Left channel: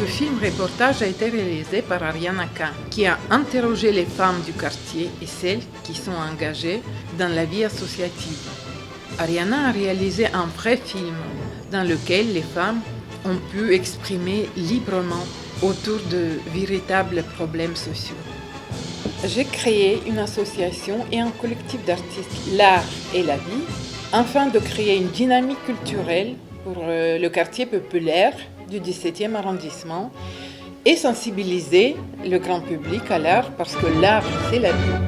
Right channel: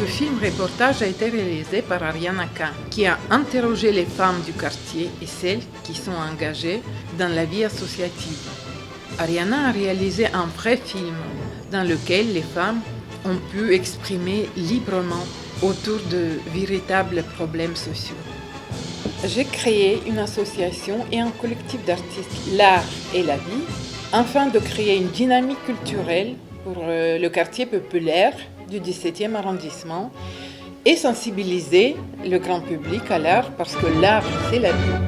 Ce film-reportage a été réalisé par Ariana K, qui a interrogé les femmes du quartier et celles qui sont engagées dans la vie associative. Ariana a réalisé un vrai film dans lequel les femmes ont pu exprimer librement autour de véritables problèmes sociaux. J'ai créé une association et un collectif d'artistes, l'art et la vie, afin de créer une dynamique culturelle pour le quartier populaire du 17e arrondissement et sensibiliser le grand public à l'art parce que l'art, c'est la vie.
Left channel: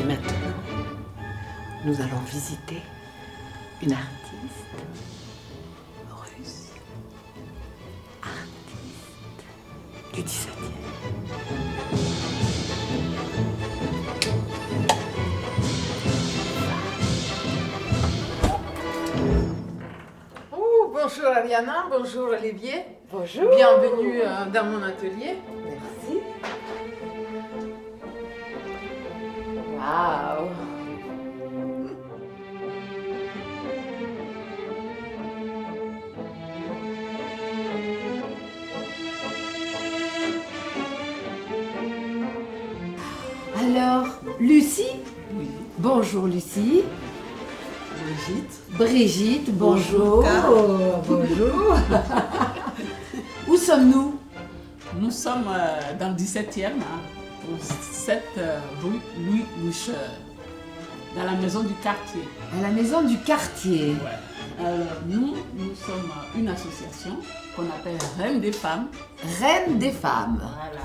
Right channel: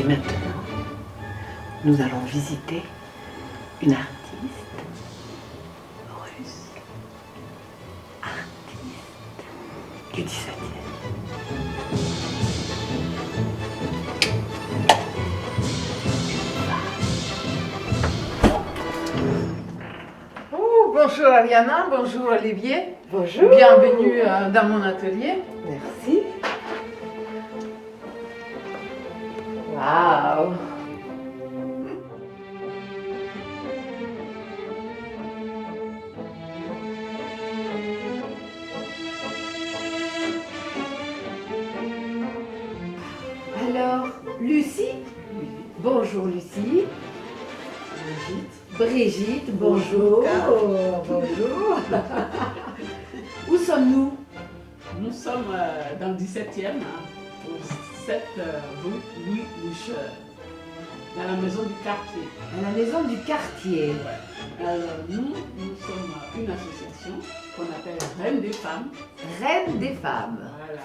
Et maintenant, nous allons visiter une artiste russe, artiste du 17e. Bonjour Ariana, bonjour Olivier. Bonjour. Bienvenue dans mon atelier. Merci. Waouh. Alors, Lucie. Bonjour Lucie. Brigitte, bonjour. Bonjour. Où sommes-nous? Nous sommes dans le 17e, au 7 rue Louis Loucheur, dans la maison du quartier. À la maison du quartier. Nous sommes une association qu'on appelle Reine des femmes. Reine des femmes. Voilà.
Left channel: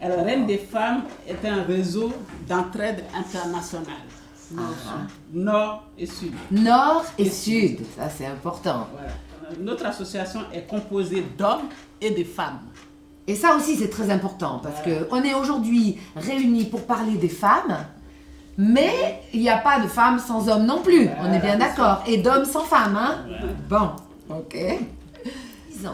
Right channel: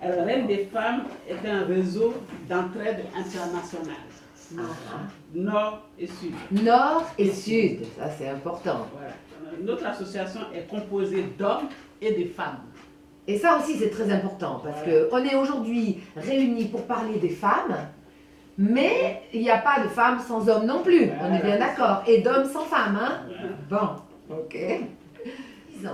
Alors, Reine des femmes est un réseau d'entraide internationale. Nord et Sud. Nord et Sud, ça c'est important. Voilà. Notre association est composée d'hommes et de femmes. Et ça aussi c'est très important parce qu'on est aujourd'hui réunis pour parler des femmes, mais il n'y a pas de femmes sans hommes non plus, on est bien d'accord. Et d'hommes sans femmes, hein? Bon, ok. Disons.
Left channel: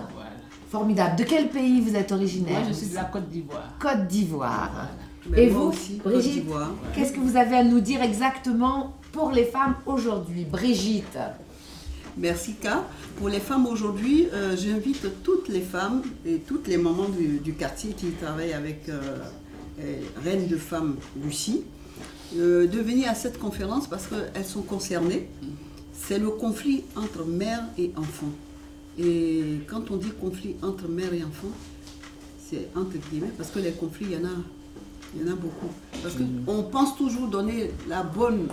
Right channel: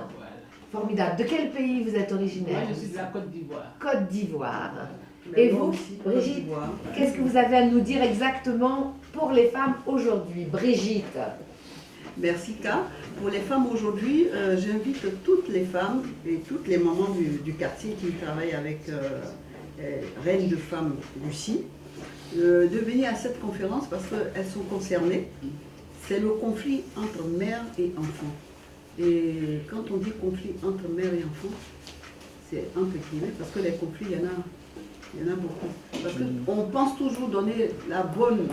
Formidable. De quel pays vous êtes originaire? Moi je suis de la Côte d'Ivoire. Côte d'Ivoire. Mais Et moi vous, aussi, Brigitte, Côte d'Ivoire. qu'est-ce que vous avez à nous dire exactement pour les femmes aujourd'hui? Brigitte. Merci K. Pour les femmes aujourd'hui, j'invite toutes les femmes et toutes les mamans du quartier qui travaillent avec Reine de Femmes Lucie de venir à cette conférence parce qu'elles sont concernées. C'est le conflit entre mère et enfant. Et quand on dit conflit entre mère et enfant, c'est entre guillemets parce que les conflits, il y en a beaucoup. Parce qu'on pense toujours donner la bonne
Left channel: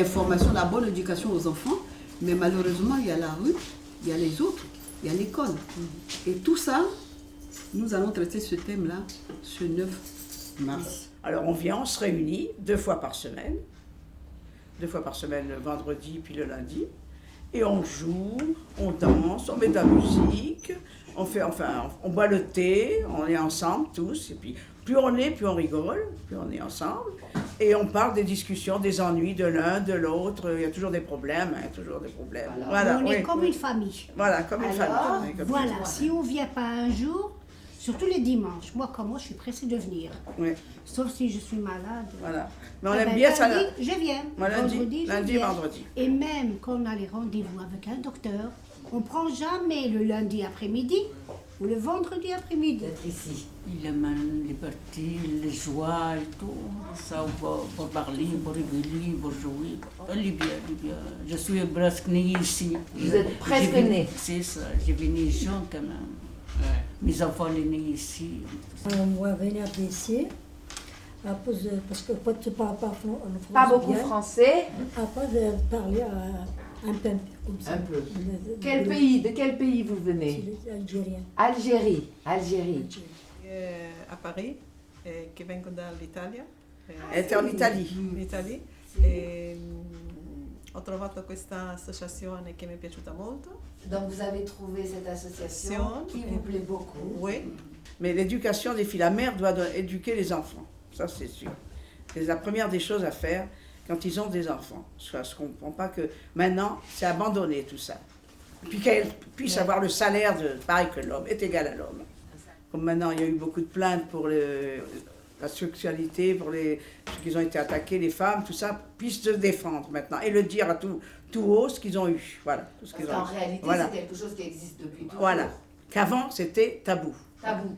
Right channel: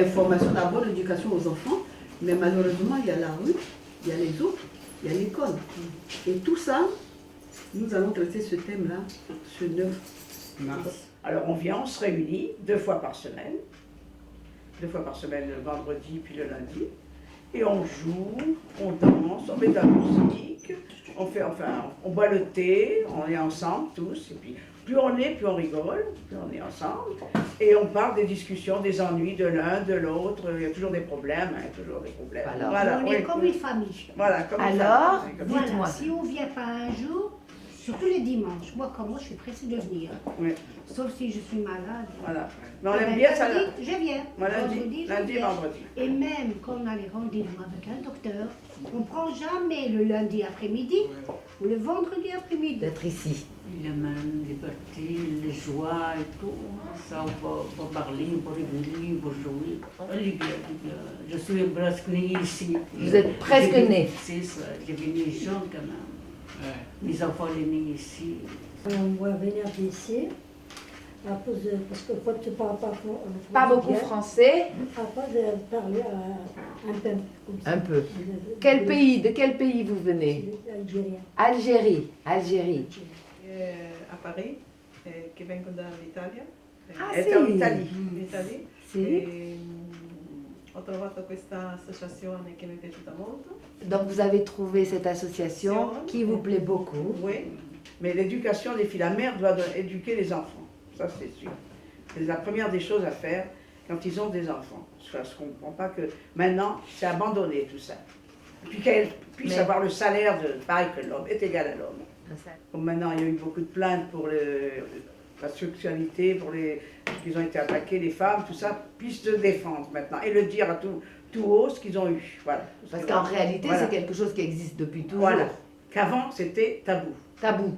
information, la bonne éducation aux enfants, mais malheureusement, il y a la rue, il y a les autres, il y a l'école. Et tout ça, nous allons traiter ce thème-là ce 9 mars. Alors on vient, on se réunit 2 fois par semaine. 2 fois par semaine, le vendredi puis le lundi. Et on joue, on danse, on met de la musique, on boit le thé, on est ensemble tous. Et puis plus on est, plus on rigole, plus on est ensemble. Et on parle des discussions, des ennuis de l'un, de l'autre. Il y a toujours des problèmes, toujours des problèmes. Alors, voilà, On est comme une famille. Voilà, comme une Alors, famille. Voilà, si on ne vient pas un jour, surtout les dimanches, moi comme moi je suis pressée de venir. Oui. Sauf si je suis malade. Voilà. Mais on Eh aime ben, bien ça. lundi, je viens. Moi, Vendredi, je lundi, viens. vendredi. Et même quand on a les rendez-vous avec un docteur, on ne prend jamais le lundi après-midi ou le vendredi après-midi. D'être ici. Il aime la liberté, les joies et tout. Ça, on va parler, on va rigoler, on va jouer. Elle est bien, elle est bien. Je suis presque née ici. Vous êtes presque J'ai venu- née. C'est ça, j'ai venu jeune quand même. Mes enfants sont nés ici. On va venir ici, parce que quand tu parles pas français, Pas beaucoup français. Après, je vais parler un peu comme ça. Un peu. De quel pays vous venez? Algérien. Algérie. A Paris, che vengo dall'Italia. Elle était en Italie. In Italia. Sì. Ho trovato questa associazione che mi è piaciuta molto. Donc vous avez trouvé cette association qui vous plaît beaucoup. Oui. Mais l'éducation des filles, la mère doit éduquer les enfants, ça c'est sûr. C'est la première des choses à faire quand ils ont des enfants. Je ne comprends pas que maintenant c'est abandonné tout ça. Puis qu'elles puissent avoir le salaire pareil que l'homme, est égal à l'homme. Comme maintenant il y a eu beaucoup de plaintes pour la sexualité, pour ceux qui ont été attaqués, les femmes, tout ça, puissent se défendre maintenant et le dire à tout haut ce qu'ils ont eu. Voilà. Parce qu'en réalité, c'est quelque chose qui existe depuis toujours. Voilà. Qu'avant, c'était tabou. Tabou.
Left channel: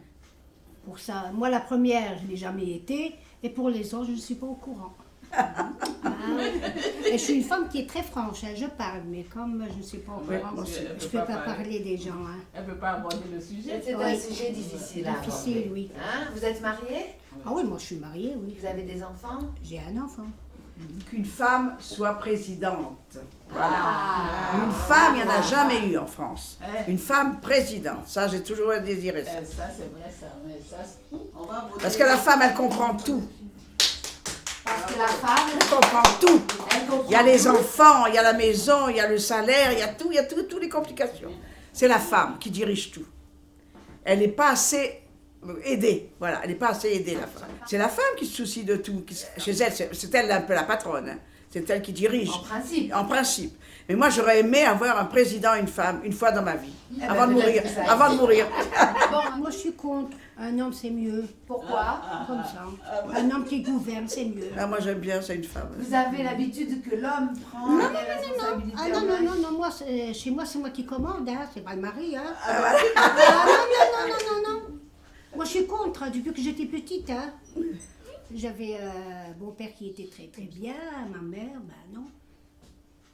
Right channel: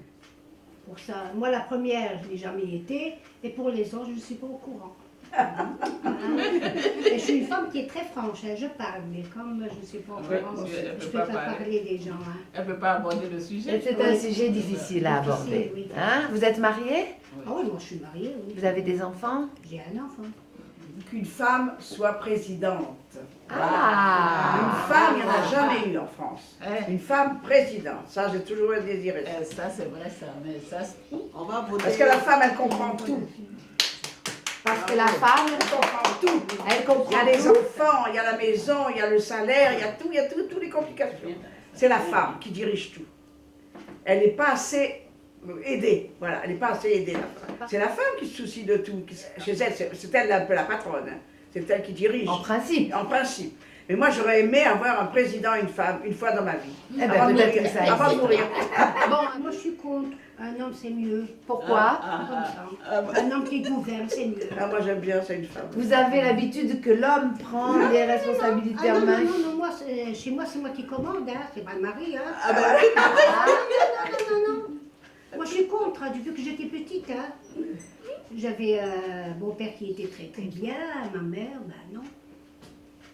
Pour ça, moi la première, je n'ai jamais été, et pour les autres, je ne suis pas au courant. Et je suis une femme qui est très franche, hein, je parle, mais comme je ne suis pas au courant, je ne peux pas parler des gens. Hein. Elle ne peut pas aborder le sujet. C'est un sujet difficile à aborder. Oui. Hein? Vous êtes mariée? Ah oui, moi je suis mariée, oui. Vous avez des enfants? J'ai un enfant. Qu'une femme soit présidente. Ah! Une femme, il n'y en a jamais eu en France. Une femme présidente, ça j'ai toujours désiré. Ça c'est vrai ça, mais ça On va voter. Parce que la femme, elle comprend tout. Parce que la femme, Elle comprend tout. elle comprend. Il y a les tout. enfants, il y a la maison, il y a le salaire, il y a toutes les complications. C'est la femme qui dirige tout. Elle n'est pas assez aidée, voilà, elle n'est pas assez aidée. La femme. C'est la femme qui se soucie de tout. Chez elle, c'est elle un peu la patronne. Hein. C'est elle qui dirige. En principe. En principe. Mais moi, j'aurais aimé avoir un président, une femme, une fois dans ma vie. Eh ben, avant de peut-être mourir. que ça Avant de existe. mourir. Bon, moi je suis contre. Un homme c'est mieux. Pourquoi? Comme ça. Un homme qui gouverne c'est mieux. Ah, moi, j'aime bien, c'est une femme. Vous avez l'habitude que l'homme prend les responsabilités Ah en non, main? non, moi, chez moi, c'est moi qui commande, hein, c'est pas le mari. Hein. Ah ben, Non. Moi, je suis contre, hein, depuis que j'étais petite. Hein. J'avais mon père qui était très très bien, ma mère, ben non.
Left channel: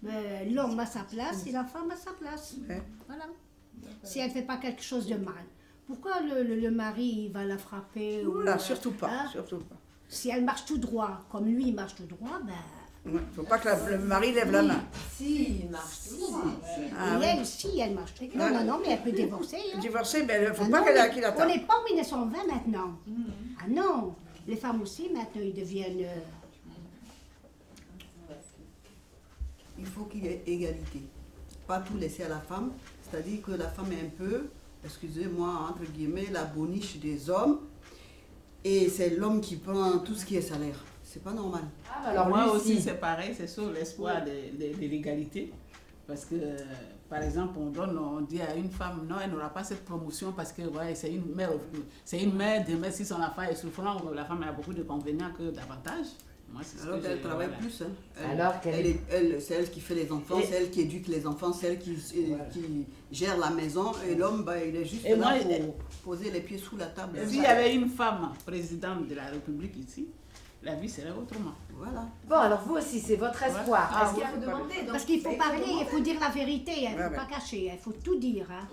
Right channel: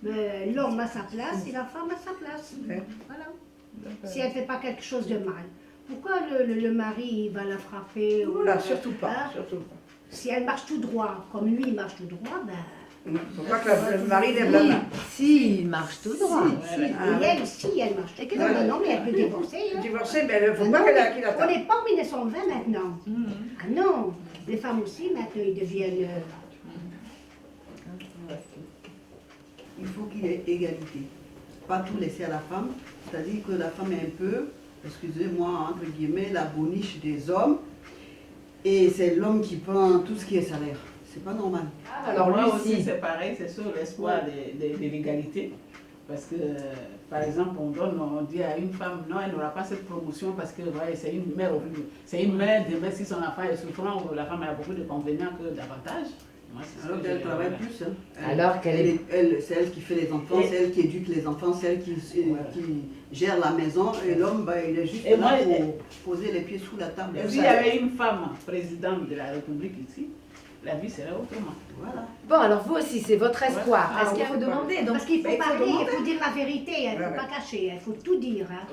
Mais l'homme a sa place et la femme a sa place. Ouais. Voilà. Si elle ne fait pas quelque chose de mal. Pourquoi le mari il va la frapper Voilà, surtout pas, hein? surtout pas. Si elle marche tout droit, comme lui il marche tout droit, ben... Il ne faut pas que le mari lève la main. si, il marche tout droit. Et elle, si, elle marche. Non, mais elle peut divorcer. Hein. Divorcer, mais il ne faut Ah pas non, qu'il on attende. n'est pas en 1920 maintenant. Ah non, les femmes aussi maintenant ils deviennent... Il faut qu'il y ait égalité. Pas tout laisser à la femme. C'est-à-dire que la femme est un peu, excusez-moi, entre guillemets, la boniche des hommes. Et c'est l'homme qui prend tout ce qui est salaire. C'est pas normal. Alors moi aussi c'est pareil, c'est sur l'espoir de l'égalité. Parce que, par exemple, on dit à une femme, non, elle n'aura pas cette promotion parce que ouais, c'est une mère, demain si son enfant est souffrant, la femme a beaucoup d'inconvénients que d'avantages. Alors qu'elle travaille plus. Hein. Alors qu'elle c'est elle qui fait les enfants, c'est elle qui éduque les enfants, c'est elle qui gère la maison. Et l'homme, bah, il est juste là pour poser les pieds sous la table. S'il y avait une femme présidente de la République ici, la vie serait autrement. Voilà. Bon, alors vous aussi, c'est votre espoir. Ouais. Est-ce qu'il faut demander? Donc, Parce qu'il faut il parler, demander. il faut dire la vérité, il ne faut pas cacher, il faut tout dire. Hein.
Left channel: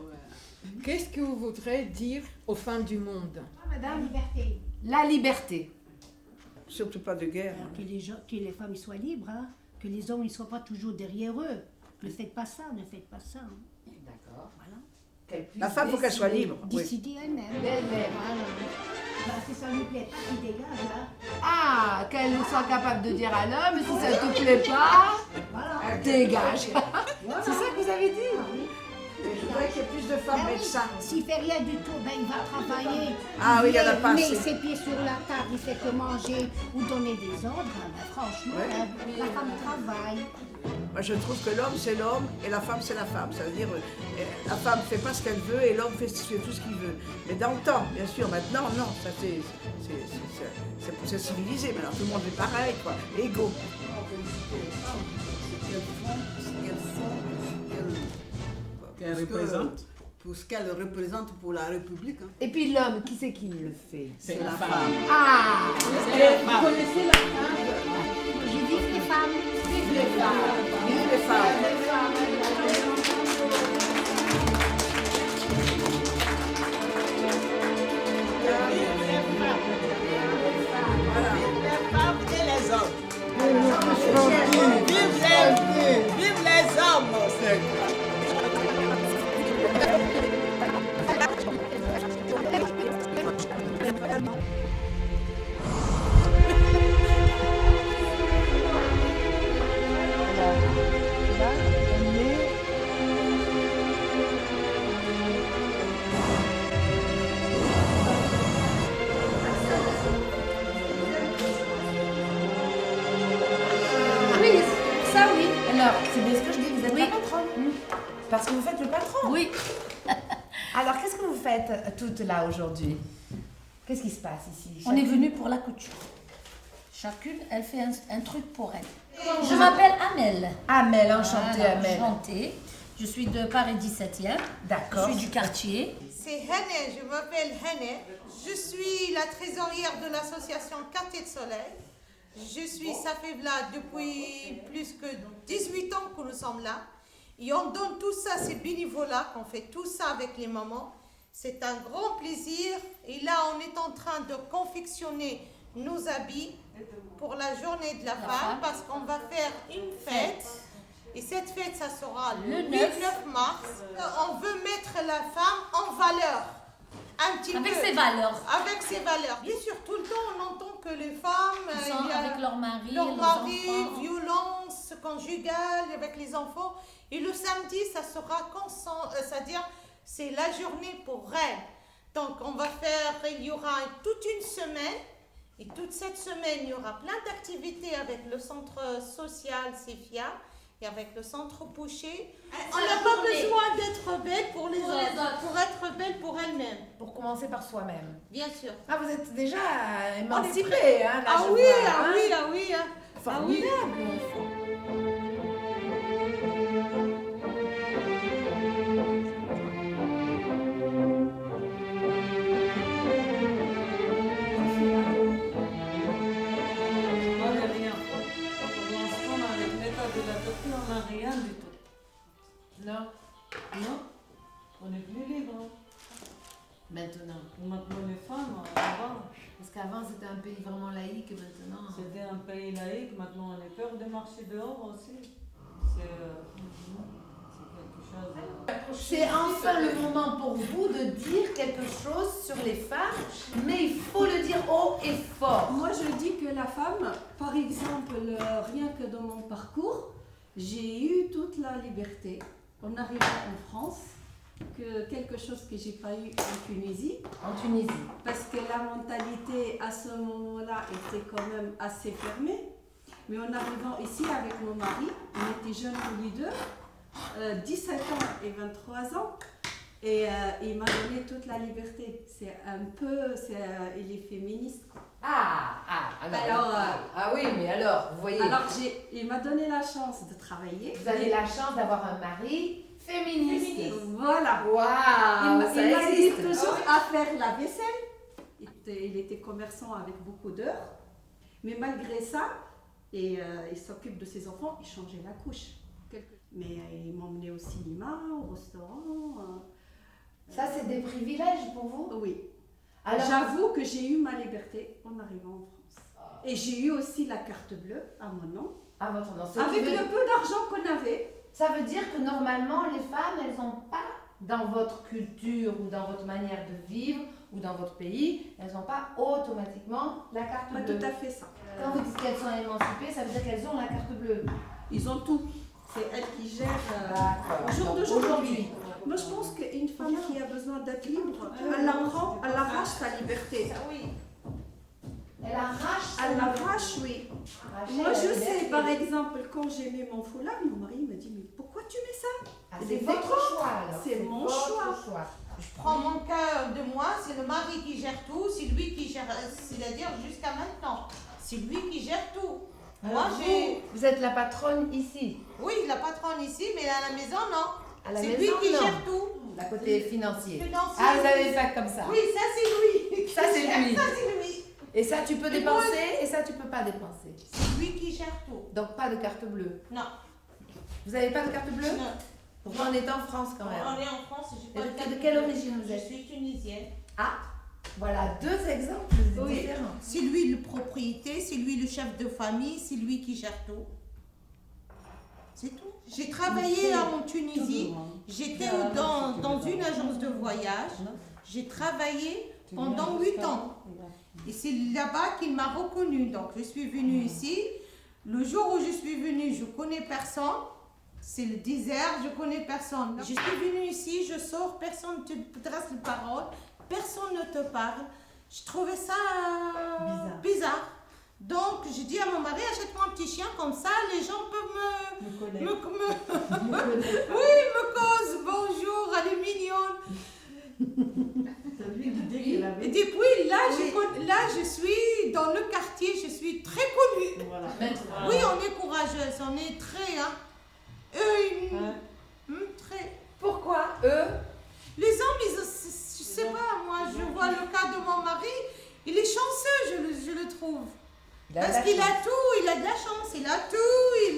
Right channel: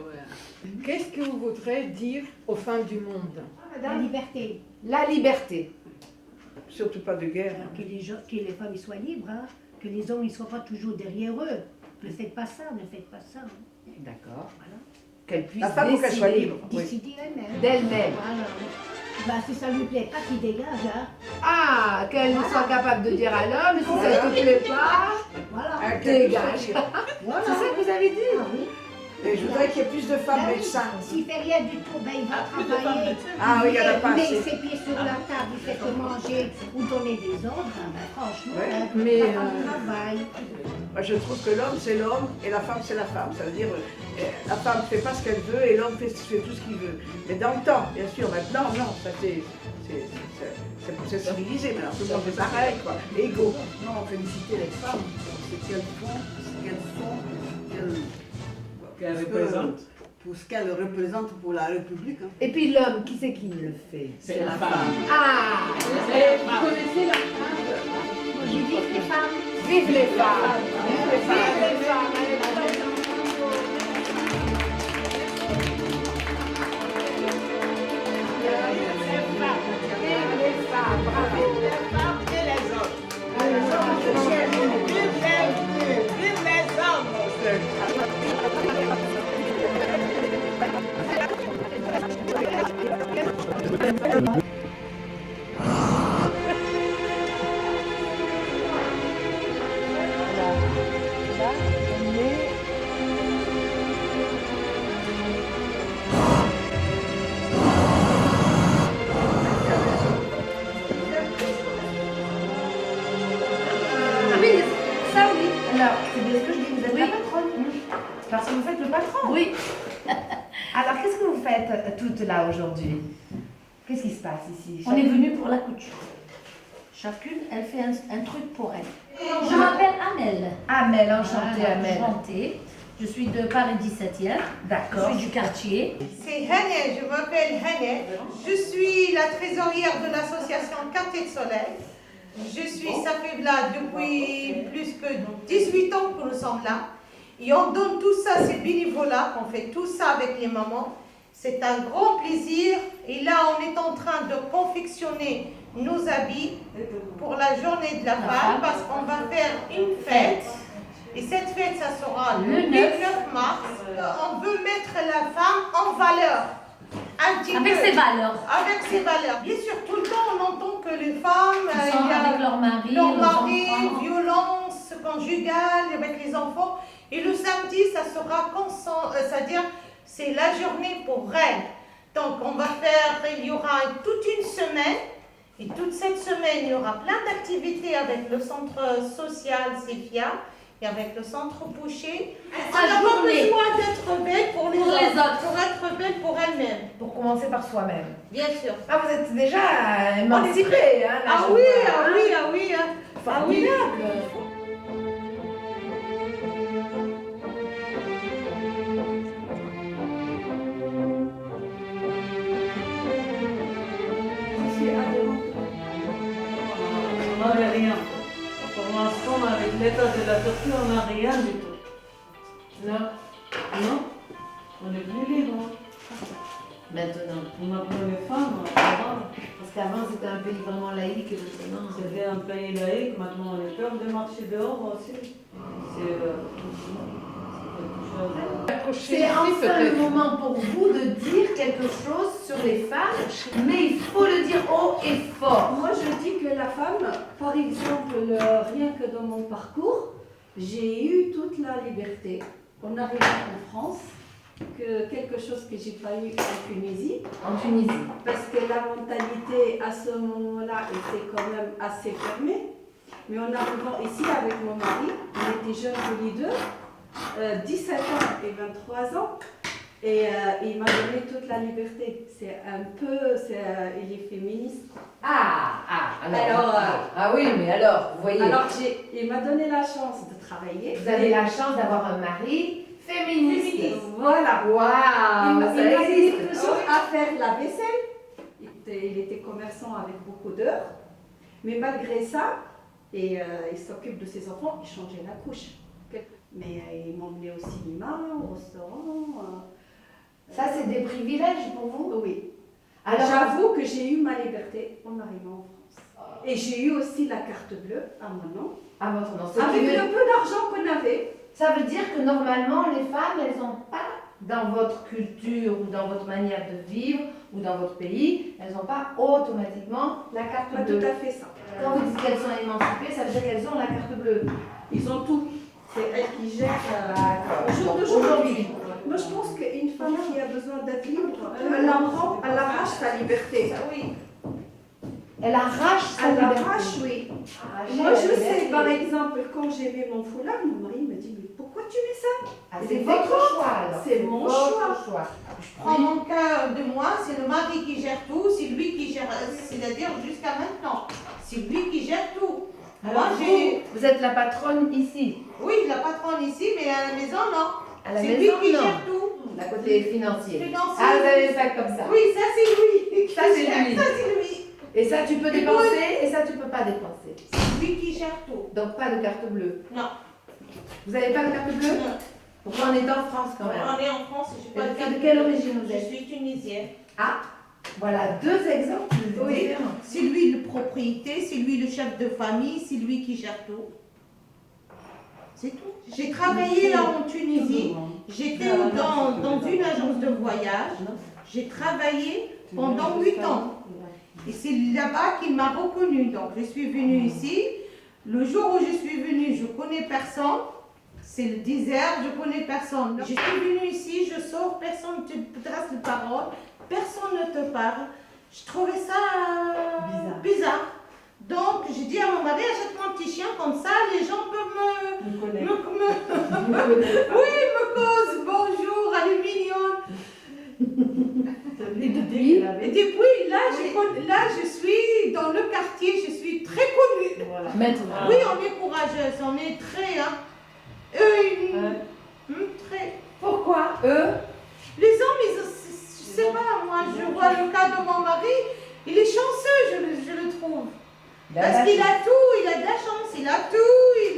Qu'est-ce que vous voudrez dire aux femmes du monde? La liberté. La liberté. Surtout pas de guerre. Que les femmes soient libres, hein. Que les hommes ne soient pas toujours derrière eux. Ne faites pas ça, ne faites pas ça. Hein. D'accord. Qu'elle puisse La femme, faut qu'elle soit décider libre. Oui. Décider elle-même. d'elle-même. Bah, si ça ne lui plaît pas, qu'il dégage. Hein. Ah, qu'elle soit capable de dire à l'homme, si ça ne te plaît pas, Voilà. dégage. Voilà. C'est ça que vous avez dit? Ah oui. Et je voudrais qu'il y ait plus de femmes médecins. S'il fait rien du tout, ben il va travailler. Ah oui, il y en a pas Met assez. ses pieds sur la table, il fait que manger ou donner des ordres. Ben, franchement, Ouais. hein, Mais, la femme travaille. Moi, je trouve que l'homme, c'est l'homme et la femme, c'est la femme. Ça veut dire, la femme ne fait pas ce qu'elle veut et l'homme fait tout ce qu'il veut. Mais dans le temps, bien sûr, maintenant, non, ça c'est civilisé, maintenant. Tout le monde est pareil, quoi. Égaux. Non, féliciter les femmes pour ce qu'elles Qu'elle représente. pour ce qu'elles représentent pour la République. Hein. Et puis l'homme, qui c'est qui le fait? C'est la femme. Ah, vous connaissez la femme? J'ai dit les femmes. Vive les femmes! Vive les femmes! Vive les femmes! Ça oui. Alors, c'est bien ce que je dis, vous êtes la patronne. Parce que vous faites le patron. Oui. Alors, qu'est-ce que vous faites toutes là aujourd'hui? Qu'est-ce qui se passe ici? On est venu pour la couture. Chacune, elle fait un truc pour elle. Je m'appelle Amel. Amel, enchantée Voilà, Amel. enchantée. Je suis de Paris 17e. D'accord. Je suis du quartier. C'est Hannah, je m'appelle Hannah. Je suis la trésorière de l'association Quartier de Soleil. Je suis Safibla depuis plus que 18 ans que nous sommes là. Et on donne tout ça, c'est bénévolat, qu'on fait tout ça avec les mamans. C'est un grand plaisir. Et là, on est en train de confectionner nos habits pour la journée de la femme parce qu'on va faire une fête. Et cette fête, ça sera le 9 mars. On veut mettre la femme en valeur. Un petit Avec peu. ses valeurs. Avec ses valeurs. Bien sûr, tout le temps, on entend que les femmes, Ils sont avec leur mari, leur leurs mari, enfants. violence conjugale avec les enfants. Et le samedi, ça sera c'est-à-dire c'est la journée pour elle. Donc on va faire, il y aura toute une semaine. Et toute cette semaine, il y aura plein d'activités avec le centre social Sefia et avec le centre Boucher. On n'a pas besoin d'être belle pour les autres, pour être belle pour elle-même. Pour commencer par soi-même. Bien sûr. Ah, vous êtes déjà émancipée, hein, là, Ah je oui, vois, ah hein. oui, ah oui, ah oui. Formidable. On n'a rien. Pour l'instant, avec l'état de la Turquie, on n'a rien du tout. Non. Non, on est plus libre. Maintenant. Maintenant, les femmes, ça va. Parce qu'avant, c'était un pays vraiment laïque et maintenant. C'était un pays laïque, maintenant on est peur de marcher dehors aussi. C'est C'est enfin le moment pour vous de dire quelque chose sur les femmes, mais il faut le dire haut et fort. Moi, je dis que la femme, par exemple, rien que dans mon parcours, j'ai eu toute la liberté. En arrivant en France, que quelque chose que j'ai pas eu en Tunisie. En Tunisie. Parce que la mentalité à ce moment-là était quand même assez fermée. Mais en arrivant ici avec mon mari, on était jeunes tous les deux, 17 ans et 23 ans. Et il m'a donné toute la liberté. C'est un peu, il est féministe. Ah oui, mais alors, vous voyez. Alors, il m'a donné la chance de travailler. Vous avez la chance d'avoir un mari féministe. Voilà. Waouh, Il m'a aidé toujours à faire la vaisselle. Il était commerçant avec beaucoup d'heures. Mais malgré ça, il s'occupe de ses enfants, il changeait la couche. Mais il m'emmenait au cinéma, au restaurant. Ça, c'est des privilèges pour vous? Oui. Alors, j'avoue que j'ai eu ma liberté en arrivant en France. Et j'ai eu aussi la carte bleue à mon nom. À votre nom. Avec le peu d'argent qu'on avait. Ça veut dire que normalement, les femmes, elles n'ont pas, dans votre culture ou dans votre manière de vivre ou dans votre pays, elles n'ont pas automatiquement la carte Pas bleue. tout à fait ça. Quand vous dites qu'elles sont émancipées, ça veut dire qu'elles ont la carte bleue. Ils ont tout. C'est elles qui gèrent au jour d'aujourd'hui. Moi, je pense qu'une femme qui a besoin d'être libre, elle arrache sa liberté. Oui. Elle arrache sa liberté. Elle arrache, oui. Arracher Moi, la je liberté. sais, par exemple, quand j'ai mis mon foulard, mon mari me dit, mais pourquoi tu mets ça? C'est votre choix, alors. C'est mon votre choix. Je prends mon cœur de moi, c'est le mari qui gère tout, c'est lui qui gère, c'est-à-dire jusqu'à maintenant. C'est lui qui gère tout. Moi, vous êtes la patronne ici. Oui, la patronne ici, mais à la maison, non. À la C'est maison, lui qui non. gère tout. La côté financier. Financier. Ah, vous avez fait comme ça. Oui, ça c'est lui. Ça, c'est lui. Ça c'est lui. Et ça, tu peux dépenser, et ça, tu peux pas dépenser. C'est lui qui gère tout. Donc, pas de carte bleue. Non. Vous n'avez pas de carte bleue? Non. Pourtant, on est en France quand même. On est en France, je suis pas De quelle origine vous Je êtes? suis tunisienne. Ah, voilà deux exemples différents. C'est lui le propriété, c'est lui le chef de famille, c'est lui qui gère tout. C'est tout. J'ai travaillé là en Tunisie. J'étais dans une agence de voyage. J'ai travaillé pendant 8 ans. Et c'est là-bas qu'il m'a reconnue. Donc je suis venue ici. Le jour où je suis venue, je connais personne. C'est le désert, je connais personne. Je suis venue ici, je sors, personne ne te trace de parole, personne ne te parle. Je trouvais ça bizarre. Donc j'ai dit à mon mari, achète-moi un petit chien, comme ça les gens peuvent me causent bonjour, elle est mignonne. Et depuis là, je suis dans le quartier, je suis très connue. Voilà. Maintenant. Oui, on est courageuse, on est très... très... Pourquoi eux? Les hommes, je sais pas, moi je vois le cas de mon mari, il est chanceux, je le trouve. Parce qu'il a tout, il a de la chance, il a tout, il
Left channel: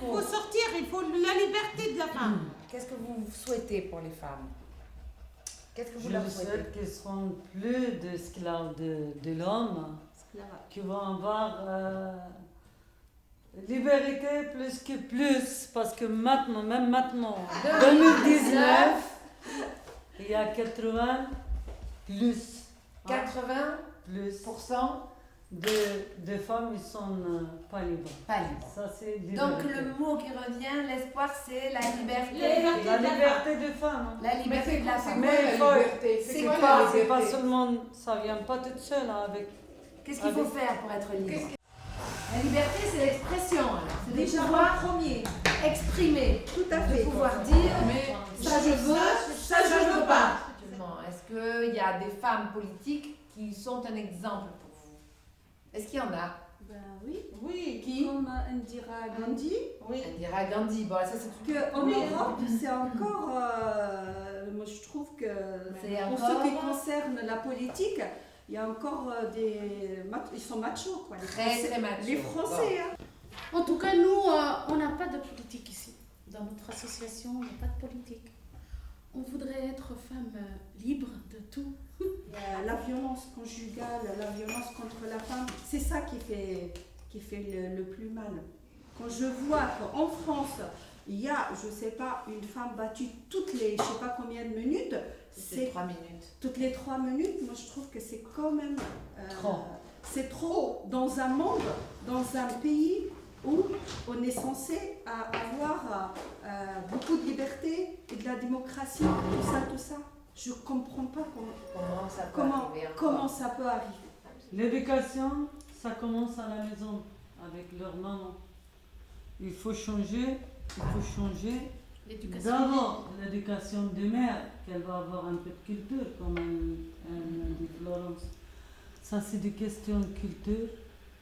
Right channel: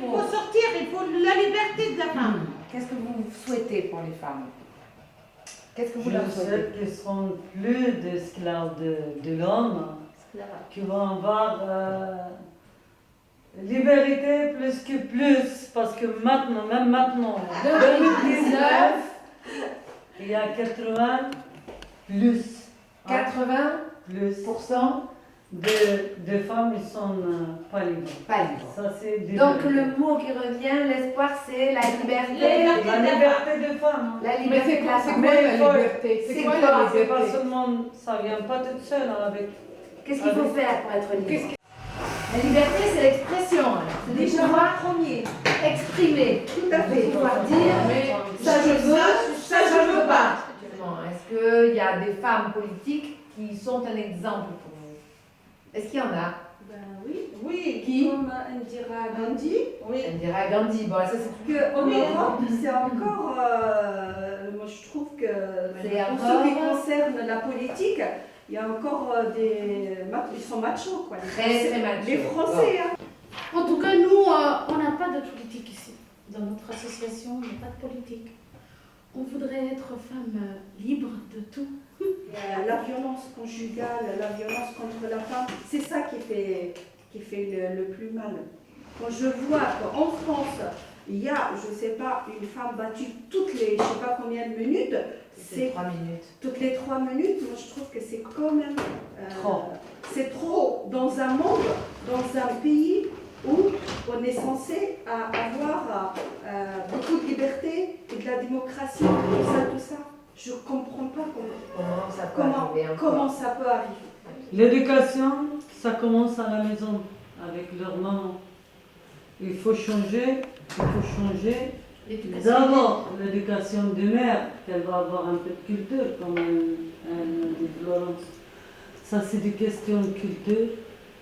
faut sortir, il faut la liberté de la femme. Qu'est-ce que vous souhaitez pour les femmes? Qu'est-ce que vous leur Je souhaitez? souhaite qu'ils seront plus d'esclaves de l'homme, qu'ils vont avoir liberté plus que plus, parce que maintenant, même maintenant, 2019, il y a 80 plus. 80% de femmes qui sont pas libres. Pas libres. Ça, c'est Donc le mot qui revient, l'espoir, c'est la liberté. La liberté de femmes. La liberté de la femme. C'est quoi la liberté? C'est quoi quoi la C'est pas liberté? seulement, ça vient pas toute seule avec. Qu'est-ce qu'il faut faire pour être libre? La liberté, c'est l'expression. C'est Déjà pouvoir premier. exprimer. Tout à De fait. pouvoir dire, ça je veux, ça je veux pas. Est-ce qu'il y a des femmes politiques qui sont un exemple pour vous? Est-ce qu'il y en a? Ben oui. Oui. Qui? Comme Indira Gandhi. Oui. Indira Gandhi. Bon, ça c'est Que en Europe, c'est encore. Moi, je trouve que C'est pour encore- ce qui concerne la politique, il y a encore ils sont machos, quoi. Très machos. Les Français, hein. En tout cas, nous, on n'a pas de politique ici. Dans notre association, il n'y a pas de politique. On voudrait être femme libre de tout. La violence conjugale, la violence contre la femme, c'est ça qui fait le plus mal. Quand je vois qu'en France, il y a, je ne sais pas, une femme battue toutes les, je ne sais pas combien de minutes, c'est 3 minutes. toutes les 3 minutes, moi je trouve que c'est quand même... Trop. C'est trop dans un monde, dans un pays où on est censé avoir beaucoup de liberté et de la démocratie, tout ça. Je ne comprends pas comment ça peut arriver. L'éducation, ça commence à la maison, avec leur maman. Il faut changer. D'abord, l'éducation de mère, qu'elle va avoir un peu de culture, comme dit Florence. Ça, c'est des questions de culture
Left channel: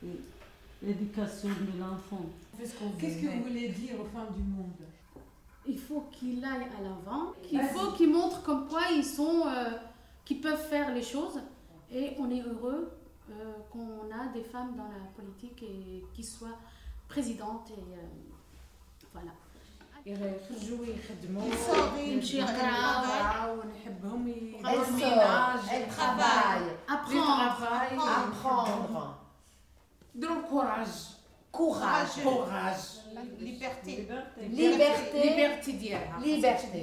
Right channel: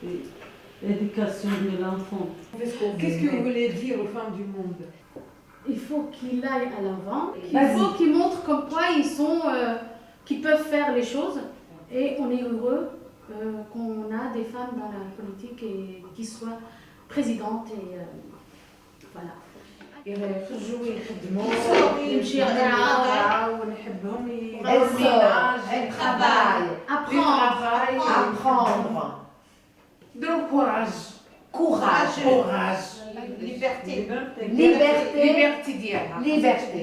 et éducation de l'enfant. Qu'est-ce que vous voulez dire aux femmes du monde? Il faut qu'il aille à l'avant. Il faut qu'il montre comme quoi ils sont, qu'ils peuvent faire les choses. Et on est heureux qu'on a des femmes dans la politique et qui soient présidentes et voilà. يخرجوا يخدموا يمشيو يقراو ونحبهم elles travaillent apprendre de courage Liberté. liberté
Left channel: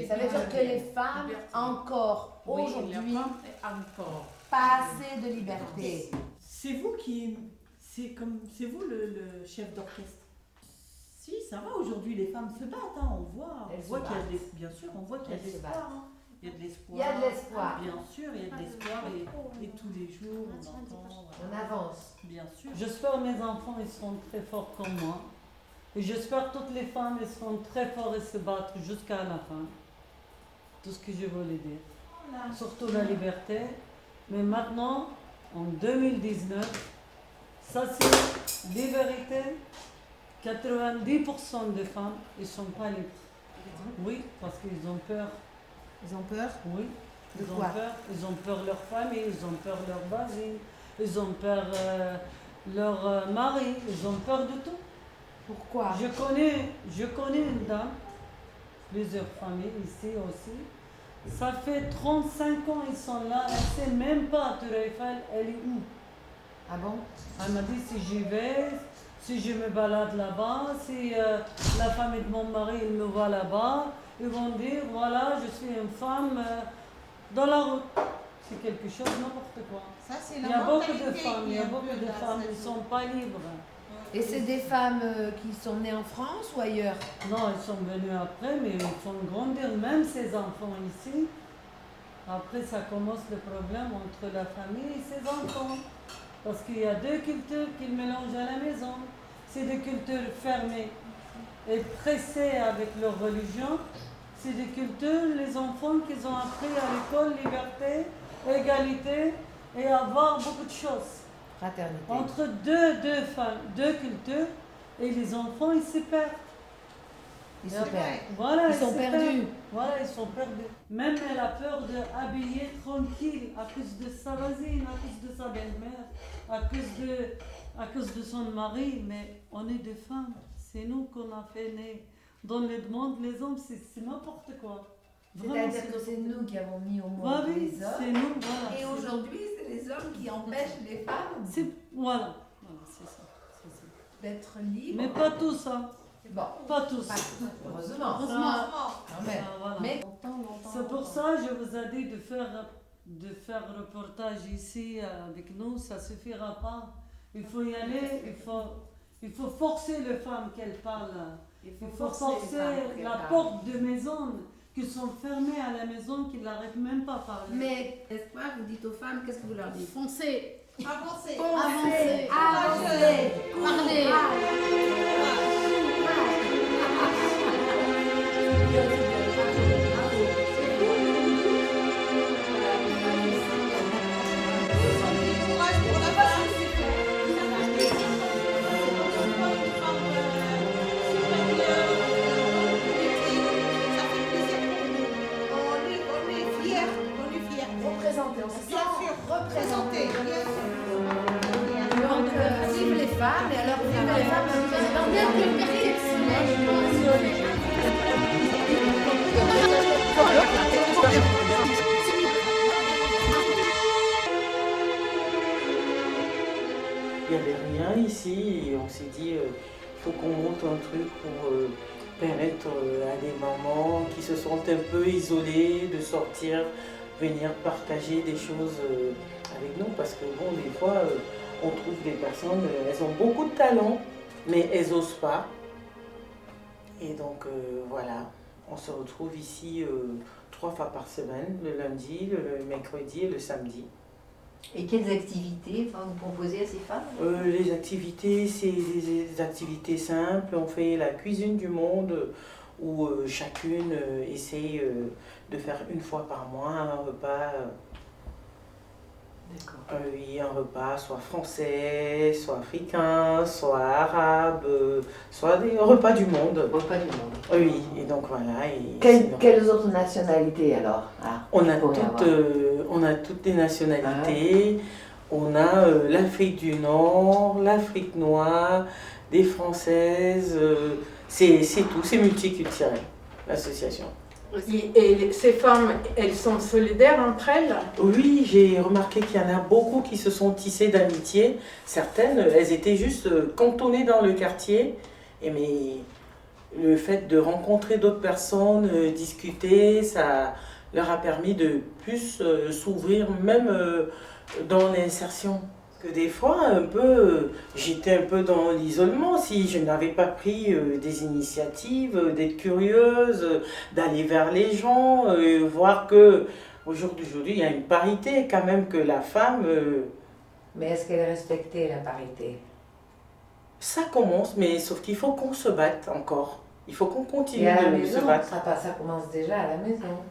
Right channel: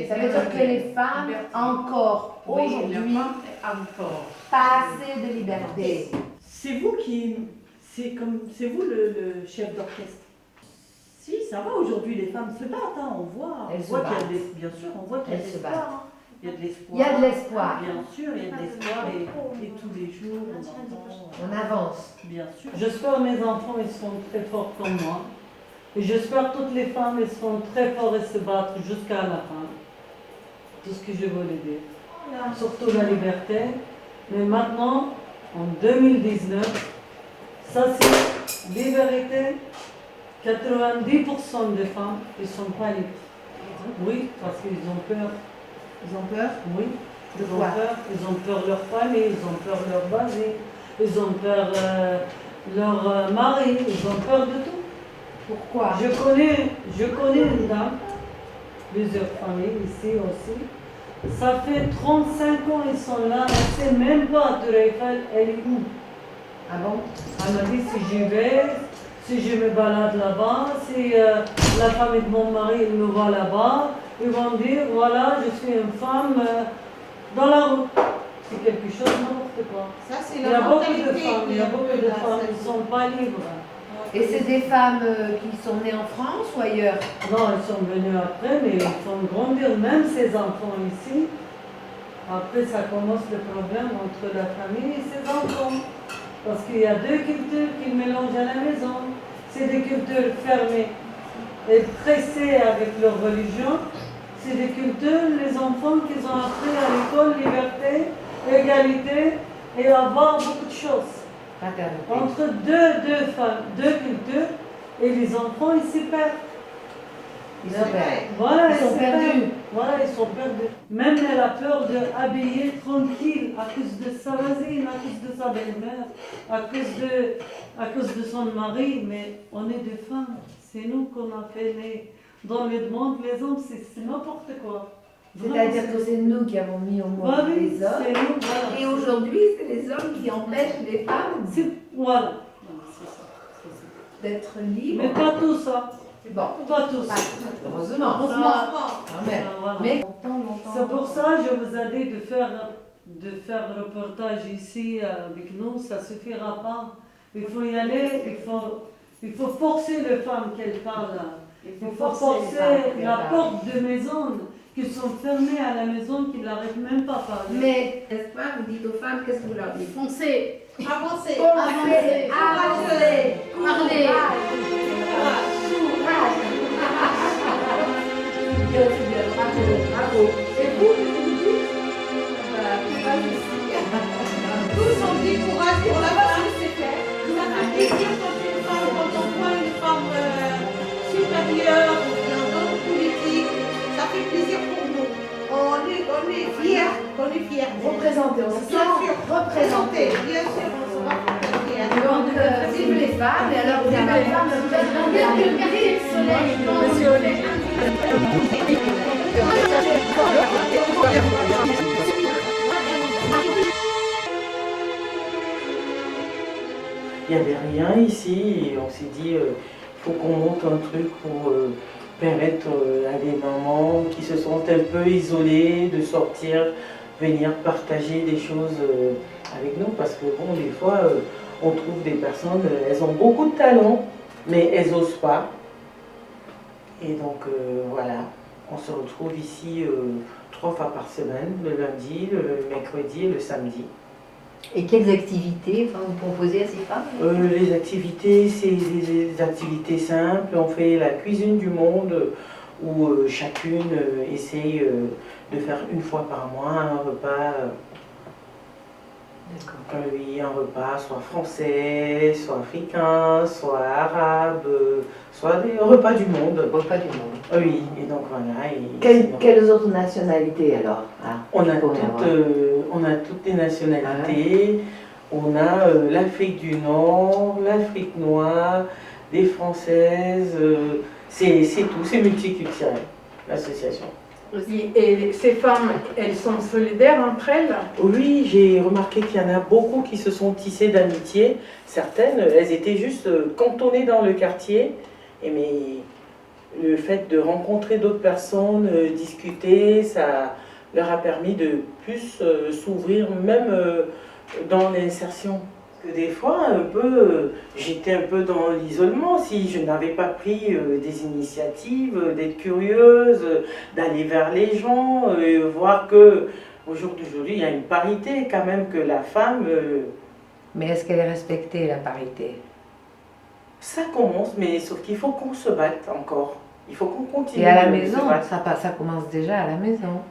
ça veut dire que les femmes encore aujourd'hui pas assez de liberté. C'est vous c'est vous le chef d'orchestre. Si, ça va aujourd'hui, les femmes se battent, hein, on voit qu'il y a bien sûr, on voit qu'il y a de l'espoir. Hein. Il y a de l'espoir. Il y a de l'espoir. Bien sûr, il y a de l'espoir et tous les jours on avance. Bien sûr. J'espère que mes enfants ils seront très forts comme moi. Et j'espère que toutes les femmes elles seront très fortes et se battre jusqu'à la fin. Tout ce que je voulais dire. Surtout la liberté. Mais maintenant, en 2019, ça c'est liberté. 90% des femmes ne sont pas libres. Oui, parce qu'ils ont peur. Ils ont peur? Oui. De quoi? Ils ont peur de leur famille, ils ont peur de leur basé, ils ont peur de leur mari, ils ont peur de tout. Pourquoi? Je connais une dame, plusieurs familles ici aussi. Ça fait 35 ans ils sont là, on ne sait même pas Tour Eiffel, elle est où. Ah bon? Elle m'a dit si j'y vais, si je me balade là-bas, si la famille de mon mari il me voit là-bas, ils vont me dire voilà, je suis une femme dans la route. C'est quelque chose n'importe quoi. Ça, c'est Il y la a beaucoup de mentalité femmes, il y a beaucoup de là, femmes ça. qui ne sont pas libres. Et c'est des femmes qui sont nées en France ou ailleurs? Non, elles sont venues après, mais ils font grandir même ces enfants ici. Après, ça commence le problème entre la famille et ses enfants. Parce qu'il y a deux cultures qui mélangent à la maison. C'est des cultures fermées et pressées avec leur religion. C'est des cultures, les enfants qu'ils ont appris à l'école, liberté, égalité, et avoir beaucoup de choses. Fraternité. Entre deux femmes, deux cultures, et les enfants, ils se perdent. Ils sont perdus. Voilà, Ils sont perdus. Voilà, ils sont perdus. Même elle a peur d'habiller tranquille à cause de sa voisine, à cause de sa belle-mère, à cause de son mari. Mais on est des femmes. C'est nous qu'on a fait naître. Dans le monde, les hommes, c'est n'importe quoi. C'est-à-dire que c'est nous qui avons mis au monde Oui, les hommes. c'est nous, voilà. Et aujourd'hui, c'est les hommes qui empêchent les femmes Voilà. d'être libres. Mais pas tout ça. Bon. Pas tous. Heureusement. Quand même. Voilà. Mais C'est pour ça que je vous ai dit de faire reportage ici avec nous, ça ne suffira pas. Il faut y aller, il faut forcer les femmes qu'elles parlent. Il faut forcer la porte de maison, qui sont fermées à la maison, qui n'arrivent même pas à parler. Mais, n'est-ce pas, vous dites aux femmes, qu'est-ce que vous leur dites? Foncez. Avancez. Avancez. Avancez. Parlez. Représenter, on se sent représenter. Bien sûr. Donc, vive les femmes, et alors vive les femmes, vous êtes dans le quartier de soleil. Il n'y avait rien ici et on s'est dit il faut qu'on monte un truc pour permettre à des mamans qui se sentent un peu isolées de sortir, venir partager des choses avec nous parce que bon, des fois on trouve des personnes, elles ont beaucoup de talent mais elles n'osent pas. Et donc voilà, on se retrouve ici 3 fois par semaine, le lundi, le mercredi et le samedi. Et quelles activités vous proposez à ces femmes? Les activités, c'est des activités simples. On fait la cuisine du monde où chacune essaye de faire une fois par mois un repas. Oui, un repas soit français, soit africain, soit arabe, soit des repas du monde. Repas du monde. Oui, et donc voilà. Et quelles autres nationalités alors on a toutes les nationalités. On a l'Afrique du Nord, l'Afrique noire, des Françaises. C'est tout, c'est multiculturel, l'association. Et ces femmes, elles sont solidaires entre elles? Oui, j'ai remarqué qu'il y en a beaucoup qui se sont tissées d'amitié. Certaines, elles étaient juste cantonnées dans le quartier. Mais le fait de rencontrer d'autres personnes, discuter, ça leur a permis de plus s'ouvrir, même dans l'insertion. Que des fois, j'étais un peu dans l'isolement si je n'avais pas pris des initiatives, d'être curieuse, d'aller vers les gens, voir que aujourd'hui il y a une parité quand même, que la femme... Mais est-ce qu'elle est respectée, la parité? Ça commence, mais sauf qu'il faut qu'on se batte encore. Il faut qu'on continue. Et à la maison, ça commence déjà à la maison.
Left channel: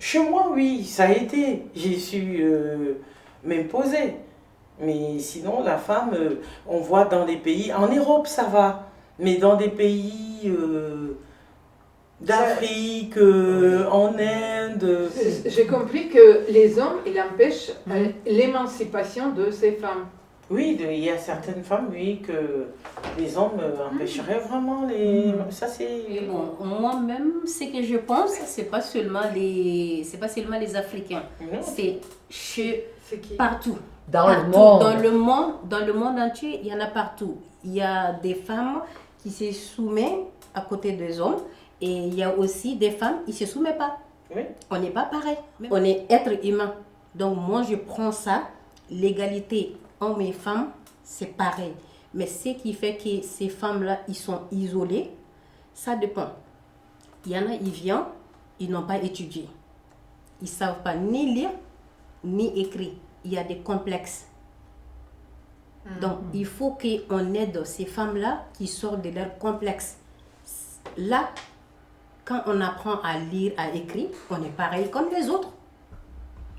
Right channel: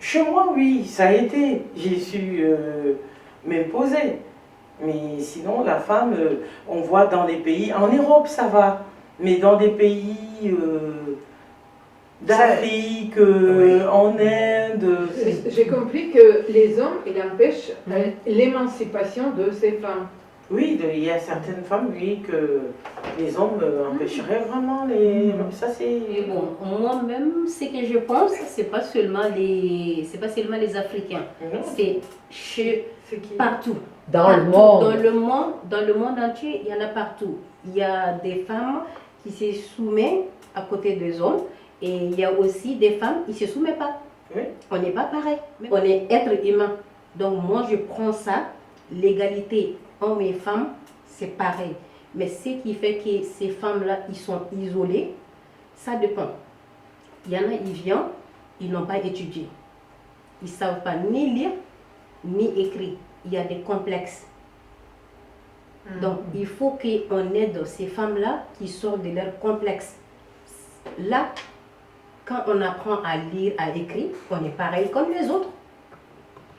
Chez moi, oui, ça a été. J'ai su m'imposer. Mais sinon, la femme, on voit dans des pays... En Europe, ça va. Mais dans des pays d'Afrique, en Inde... J'ai compris que les hommes, ils empêchent l'émancipation de ces femmes. Oui, il y a certaines femmes, oui, que les hommes empêcheraient vraiment les... Ça, c'est... Bon, moi-même, ce que je pense, c'est pas seulement les Africains. C'est partout. Dans le monde. Dans le monde entier, il y en a partout. Il y a des femmes qui se soumettent à côté des hommes et il y a aussi des femmes qui ne se soumettent pas. Oui. On n'est pas pareil. On est être humain. Donc moi, je prends ça, l'égalité hommes et femmes, c'est pareil. Mais ce qui fait que ces femmes-là, ils sont isolées, ça dépend. Il y en a, ils viennent, ils n'ont pas étudié. Ils ne savent pas ni lire, ni écrire. Il y a des complexes. Donc, il faut qu'on aide ces femmes-là qui sortent de leurs complexes. Là, quand on apprend à lire, à écrire, on est pareil comme les autres.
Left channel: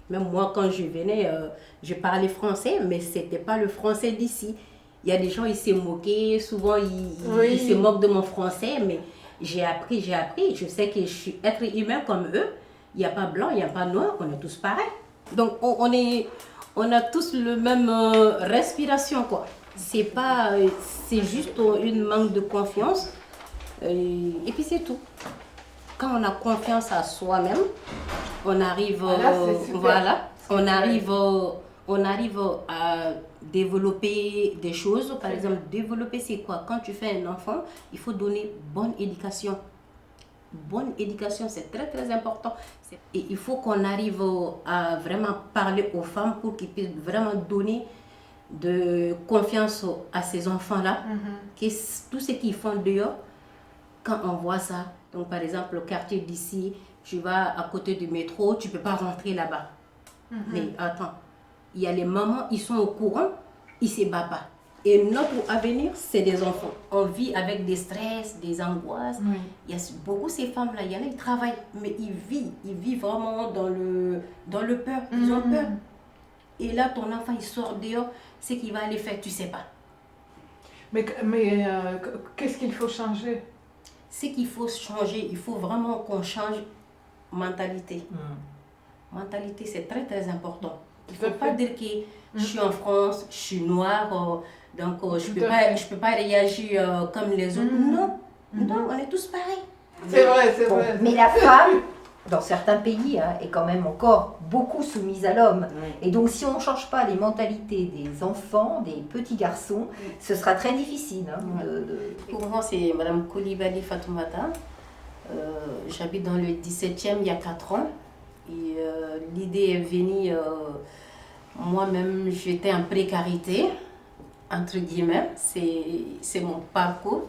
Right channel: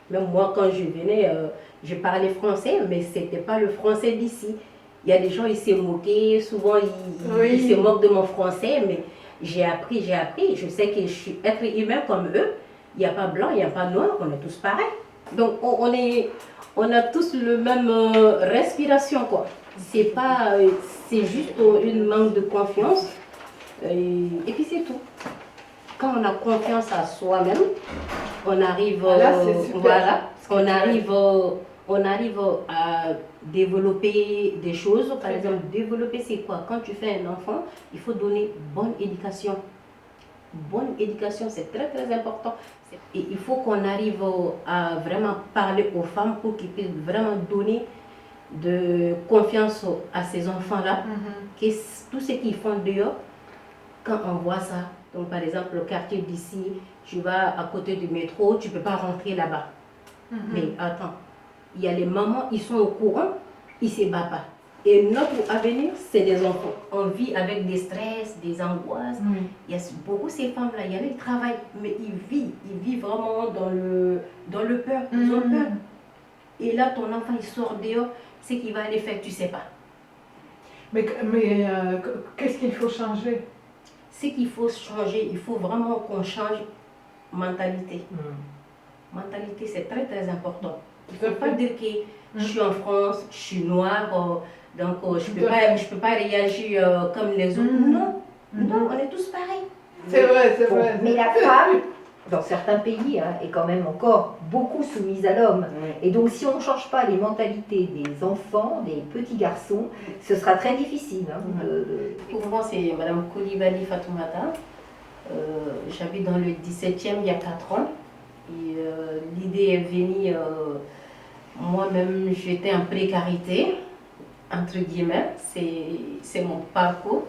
Même moi, quand je venais, je parlais français, mais ce n'était pas le français d'ici. Il y a des gens, ils se moquaient, souvent ils se moquent de mon français, mais j'ai appris. Je sais que je suis être humain comme eux. Il n'y a pas blanc, il n'y a pas noir, on est tous pareils. Donc on a tous le même respiration, quoi. C'est juste une manque de confiance. Et puis c'est tout. Quand on a confiance à soi-même, on arrive, on arrive à développer des choses. Par exemple, développer c'est quoi? Quand tu fais un enfant, il faut donner bonne éducation. Bonne éducation, c'est très très important. Et il faut qu'on arrive à vraiment parler aux femmes pour qu'ils puissent vraiment donner de confiance à ces enfants-là. Tout ce qu'ils font dehors, quand on voit ça, donc par exemple le quartier d'ici, tu vas à côté du métro, tu ne peux pas rentrer là-bas. Mais attends, il y a les mamans, ils sont au courant, ils ne se battent pas. Et notre avenir, c'est des enfants. On vit avec des stress, des angoisses. Il y a beaucoup ces femmes-là, il y en a qui travaillent, mais ils vivent vraiment dans le peur. Ils ont peur. Et là, ton enfant, il sort dehors, c'est qu'il va aller faire, tu ne sais pas. Mais qu'est-ce qu'il faut changer? Ce qu'il faut changer, il faut vraiment qu'on change mentalité. Mentalité, c'est très très important. Il ne faut pas dire que je suis en France, je suis noire, donc je ne peux pas réagir comme les autres. Non, on est tous pareils. C'est vrai. Mais la femme, dans certains pays, est quand même encore beaucoup soumise à l'homme. Et donc si on ne change pas les mentalités des enfants, des petits garçons, ce sera très difficile. Pour moi, c'est Mme Koulibaly Fatoumata. J'habite dans le 17e il y a 4 ans. Et l'idée est venue, moi-même j'étais en précarité, entre guillemets. C'est mon parcours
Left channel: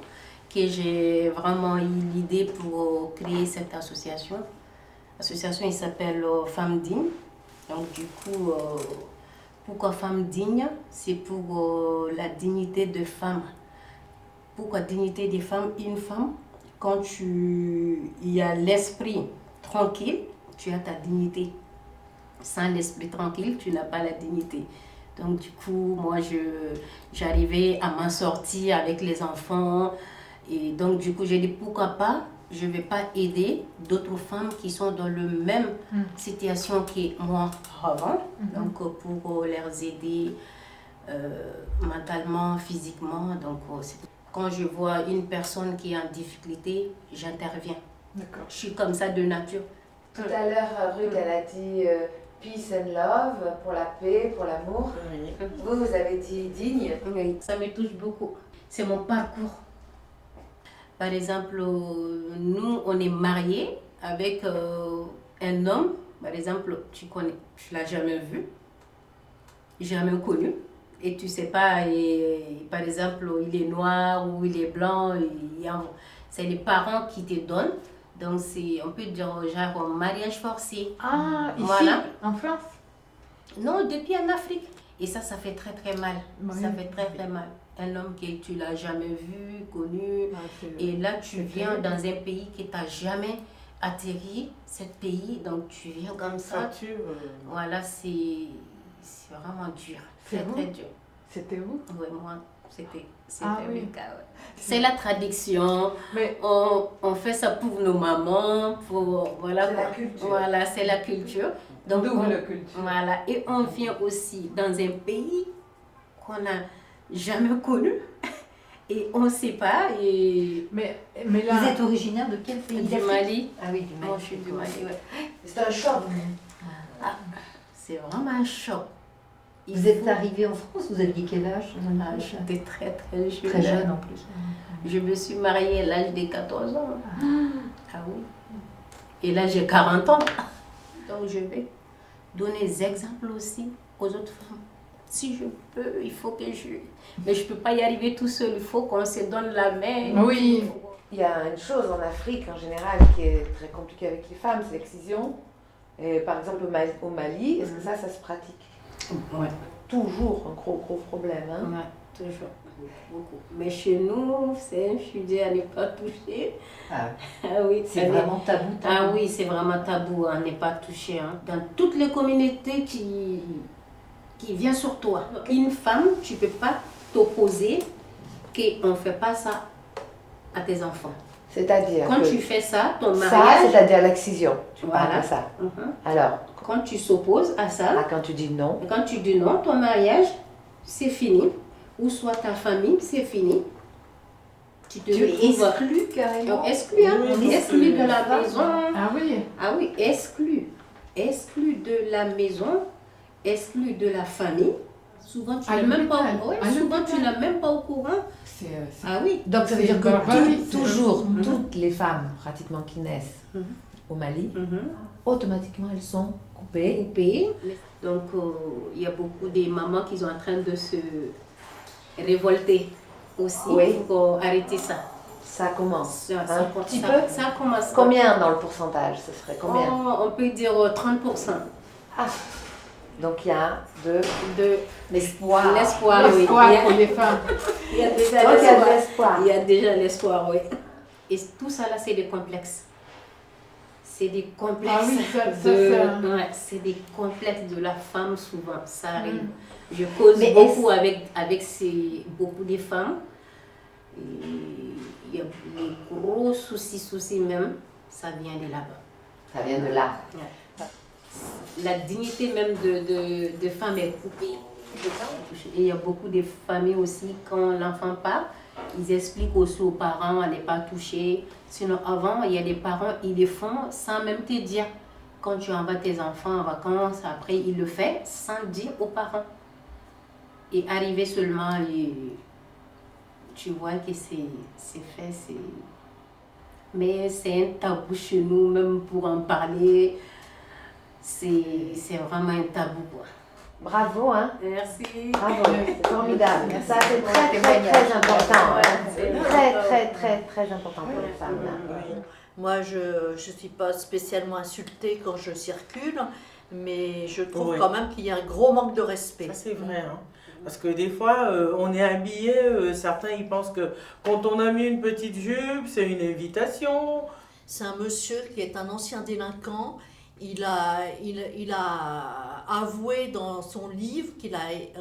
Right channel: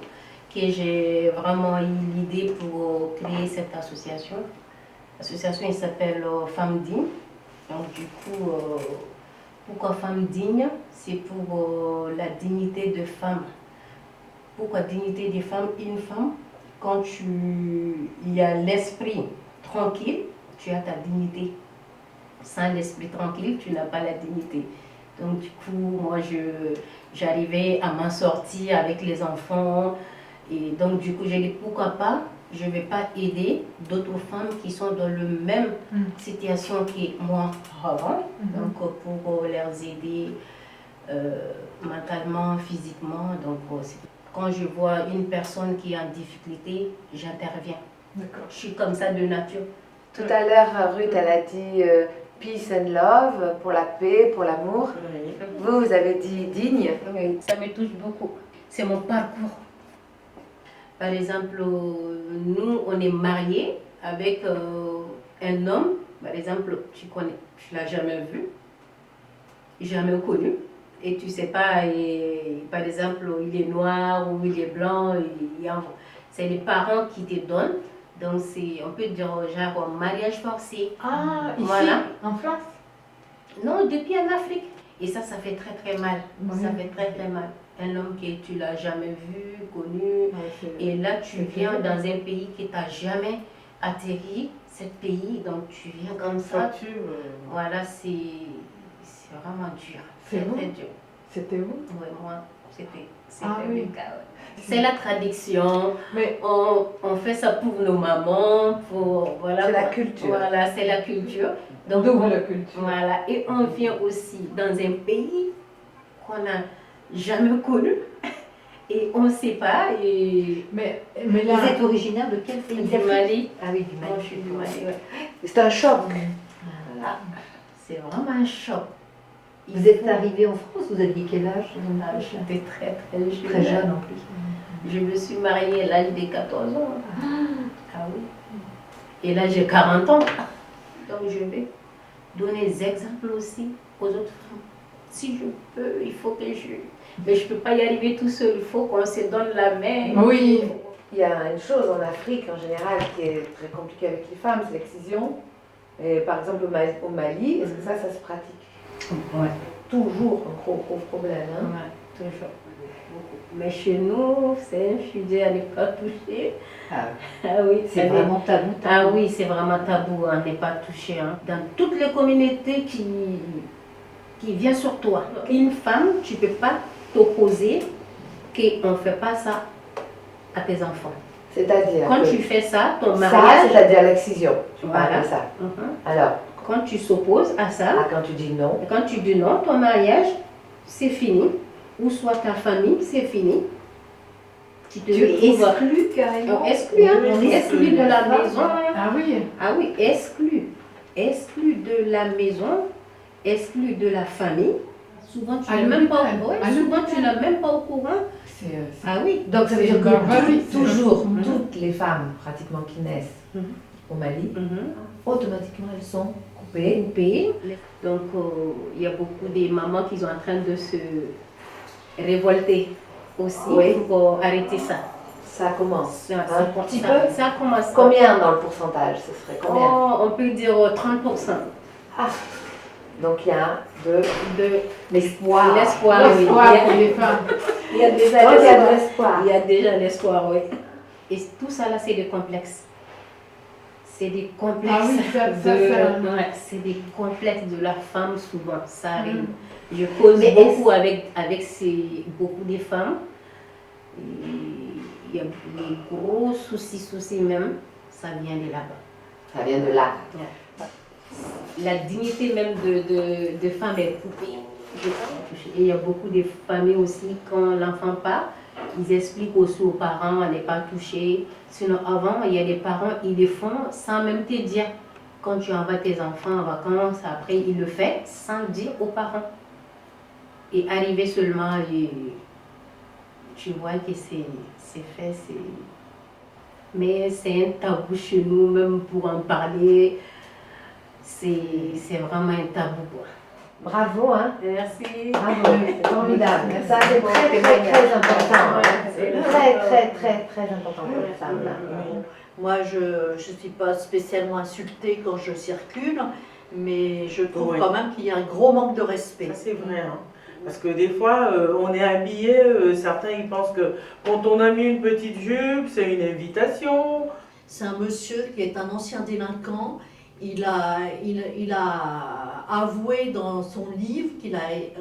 que j'ai vraiment eu l'idée pour créer cette association. L'association, il s'appelle Femmes Dignes. Donc du coup, pourquoi Femmes Dignes? C'est pour la dignité de femme. Pourquoi dignité des femmes? Une femme, quand il y a l'esprit tranquille, tu as ta dignité. Sans l'esprit tranquille, tu n'as pas la dignité. Donc du coup, moi, j'arrivais à m'en sortir avec les enfants. Et donc du coup, j'ai dit pourquoi pas, je ne vais pas aider d'autres femmes qui sont dans la même situation que moi avant. Donc pour les aider mentalement, physiquement. Donc quand je vois une personne qui est en difficulté, j'interviens. Je suis comme ça de nature. Tout à l'heure, Ruth, elle a dit peace and love, pour la paix, pour l'amour. Vous avez dit digne. Ça me touche beaucoup. C'est mon parcours. Par exemple, nous, on est mariés avec un homme. Par exemple, tu ne l'as jamais vu, jamais connu. Et tu ne sais pas, par exemple, il est noir ou il est blanc. C'est les parents qui te donnent. Donc, on peut dire genre mariage forcé. Ah, ici, voilà. En France? Non, depuis en Afrique. Et ça fait très très mal. Ça fait très très mal. Un homme que tu l'as jamais vu, connu. Et là, tu viens dans un pays que tu n'as jamais atterri, ce pays. Donc, tu viens comme ça. Voilà, c'est vraiment dur. C'est très dur. C'était où? Oui, moi, c'était oui. le cas. Ouais. C'est la tradition. Mais on fait ça pour nos mamans, voilà. C'est la culture. Voilà, c'est la culture. Donc la culture. Voilà, et on vient aussi dans un pays qu'on n'a jamais connu et on ne sait pas. Mais là, vous êtes originaire de quel pays? Du Mali. Ah oui, du Mali. Moi, je suis du Mali, ouais. C'est un choc. C'est vraiment un choc. Vous êtes arrivé en France, vous aviez quel âge? J'étais très très jeune. Très jeune en plus. Je me suis mariée à l'âge de 14 ans. Ah oui. Et là, j'ai 40 ans. Donc, je vais donner des exemples aussi aux autres femmes. Si je peux, il faut que Mais je ne peux pas y arriver tout seul. Il faut qu'on se donne la main. Oui. Il y a une chose en Afrique, en général, qui est très compliquée avec les femmes, c'est l'excision. Et par exemple, au Mali, est-ce que ça se pratique? Ouais. Toujours un gros problème. Hein? Ouais, toujours. beaucoup. Mais chez nous, c'est un sujet à ne pas toucher. Ah, oui, c'est vraiment tabou. Ah oui, c'est vraiment tabou à ne pas toucher. Hein. Dans toutes les communautés qui viennent sur toi, une femme, tu ne peux pas t'opposer qu'on ne fait pas ça à tes enfants. C'est-à-dire quand tu fais ça, ton mariage... Ça, c'est-à-dire l'excision. Voilà. Ça. Alors, quand tu s'opposes à ça... quand tu dis non. Quand tu dis non, ton mariage, c'est fini. Ou soit ta famille, c'est fini. Tu exclus carrément. Exclu, hein. On est exclu de la maison. Ah oui. Ah oui, exclu. Exclu de la maison, exclu de la famille. Souvent, tu n'es même pas au courant. Ah oui. Donc ça veut dire que toujours, toutes les femmes pratiquement qui naissent au Mali, automatiquement elles sont coupées. Donc il y a beaucoup de mamans qui sont en train de se révolter aussi pour arrêter ça. Ça commence un petit peu. Ça commence. Combien dans le pourcentage? Ce serait combien? On peut dire 30%. Ah. Donc il y a de l'espoir. L'espoir, oui. Pour les femmes. Il y a déjà l'espoir. Il y a déjà l'espoir, oui. Et tout ça là, c'est des complexes. C'est des complexes. Ah oui, c'est des complexes de la femme souvent. Ça arrive. Je cause beaucoup avec beaucoup de femmes. Il y a des gros soucis même. Ça vient de là-bas. Ça vient de là. La dignité même de femme est coupée. Et il y a beaucoup de familles aussi, quand l'enfant part, ils expliquent aussi aux parents à ne pas toucher. Sinon, avant, il y a des parents, ils le font sans même te dire. Quand tu envoies tes enfants en vacances, après, ils le font sans dire aux parents. Et arriver seulement, tu vois que c'est fait. Mais c'est un tabou chez nous, même pour en parler. C'est vraiment un tabou, quoi. Bravo, hein. Merci. Bravo, formidable. Ça, c'est très important. Très important pour les femmes. Moi, je ne suis pas spécialement insultée quand je circule, mais je trouve quand même qu'il y a un gros manque de respect. Ça, c'est vrai, hein. Parce que des fois, on est habillé, certains ils pensent que quand on a mis une petite jupe, c'est une invitation. C'est un monsieur qui est un ancien délinquant. Il a avoué dans son livre qu'il a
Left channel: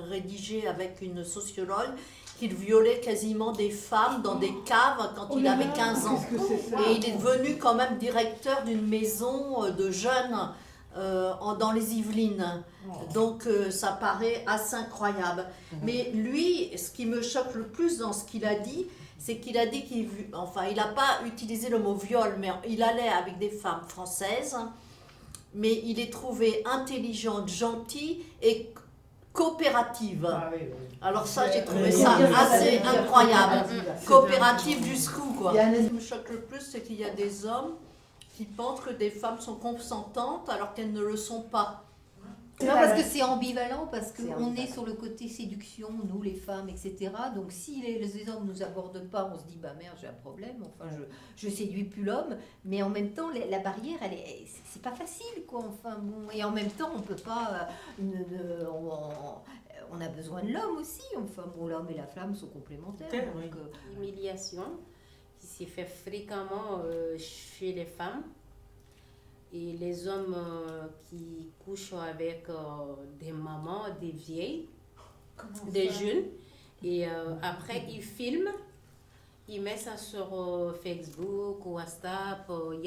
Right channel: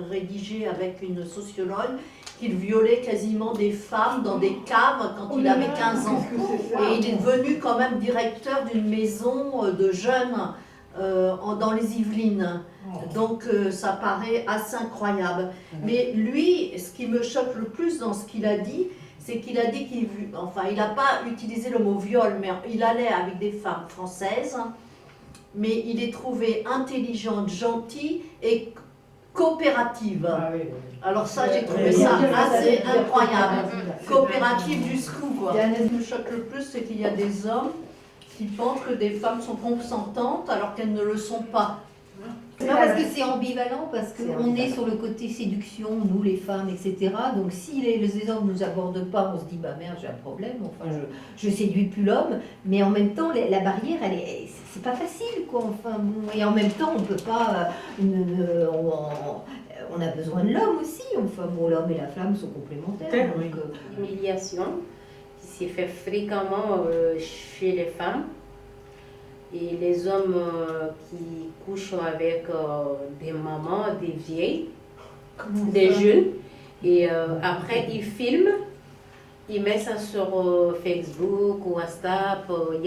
rédigé avec une sociologue qu'il violait quasiment des femmes dans des caves quand il avait 15 ans. Et il est devenu quand même directeur d'une maison de jeunes dans les Yvelines. Donc ça paraît assez incroyable. Mais lui, ce qui me choque le plus dans ce qu'il a dit, c'est qu'il a dit il n'a pas utilisé le mot viol, mais il allait avec des femmes françaises, mais il est trouvé intelligente, gentille et coopérative. Alors ça, j'ai trouvé ça assez incroyable. Coopérative jusqu'où, quoi. Ce qui me choque le plus, c'est qu'il y a des hommes qui pensent que des femmes sont consentantes alors qu'elles ne le sont pas. Non, parce que c'est ambivalent, parce qu'on est sur le côté séduction, nous les femmes, etc. Donc si les hommes ne nous abordent pas, on se dit bah merde, j'ai un problème, enfin je séduis plus l'homme, mais en même temps la barrière, c'est pas facile quoi. Enfin bon, et en même temps on peut pas, on a besoin de l'homme aussi. Enfin bon, l'homme et la femme sont complémentaires. L'humiliation qui s'est fait fréquemment chez les femmes. Et les hommes qui couchent avec des mamans, des vieilles, des jeunes, et après ils filment, ils mettent ça sur Facebook, WhatsApp, il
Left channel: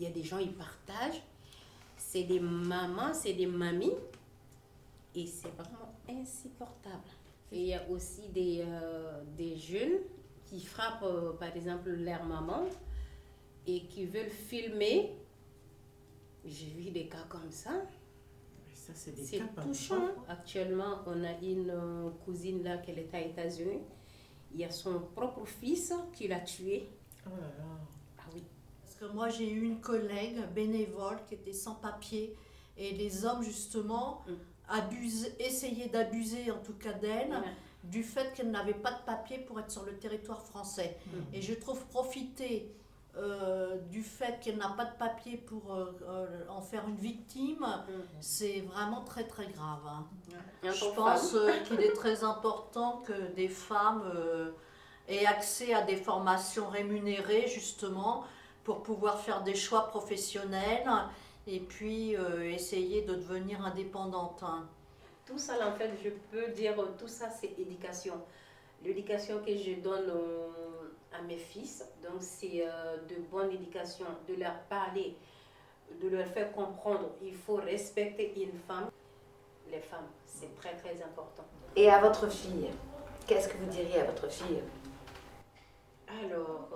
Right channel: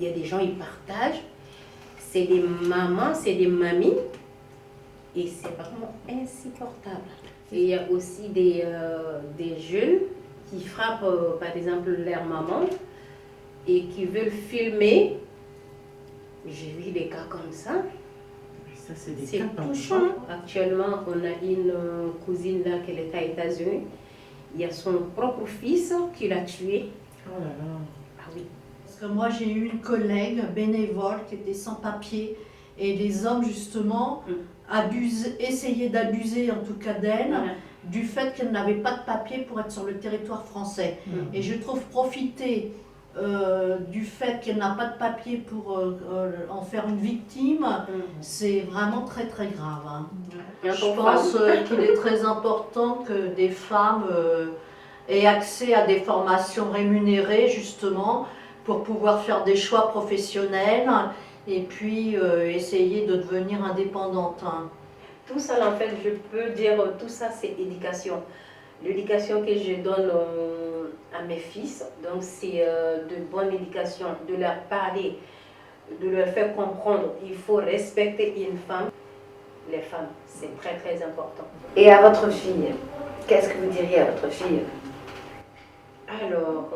y a des gens, ils partagent. C'est des mamans, c'est des mamies, et c'est vraiment insupportable. Et il y a aussi des jeunes qui frappent, par exemple, leur maman, et qui veulent filmer. J'ai vu des cas comme ça. C'est touchant. Actuellement, on a une cousine là qui est aux États-Unis. Il y a son propre fils qui l'a tué. Oh là là. Ah oui. Parce que moi, j'ai eu une collègue bénévole qui était sans papier. Et les hommes, justement, essayaient d'abuser, en tout cas d'elle, du fait qu'elle n'avait pas de papier pour être sur le territoire français. Et je trouve profiter du fait qu'elle n'a pas de papier pour en faire une victime, c'est vraiment très très grave. Hein. Je pense qu'il est très important que des femmes aient accès à des formations rémunérées justement pour pouvoir faire des choix professionnels et puis essayer de devenir indépendante. Hein. Tout ça, en fait, je peux dire, tout ça, c'est éducation. L'éducation que je donne à mes fils, donc c'est de bonne éducation, de leur parler, de leur faire comprendre il faut respecter une femme. Les femmes, c'est très très important. Et à votre fille, qu'est-ce que vous diriez à votre fille? Alors,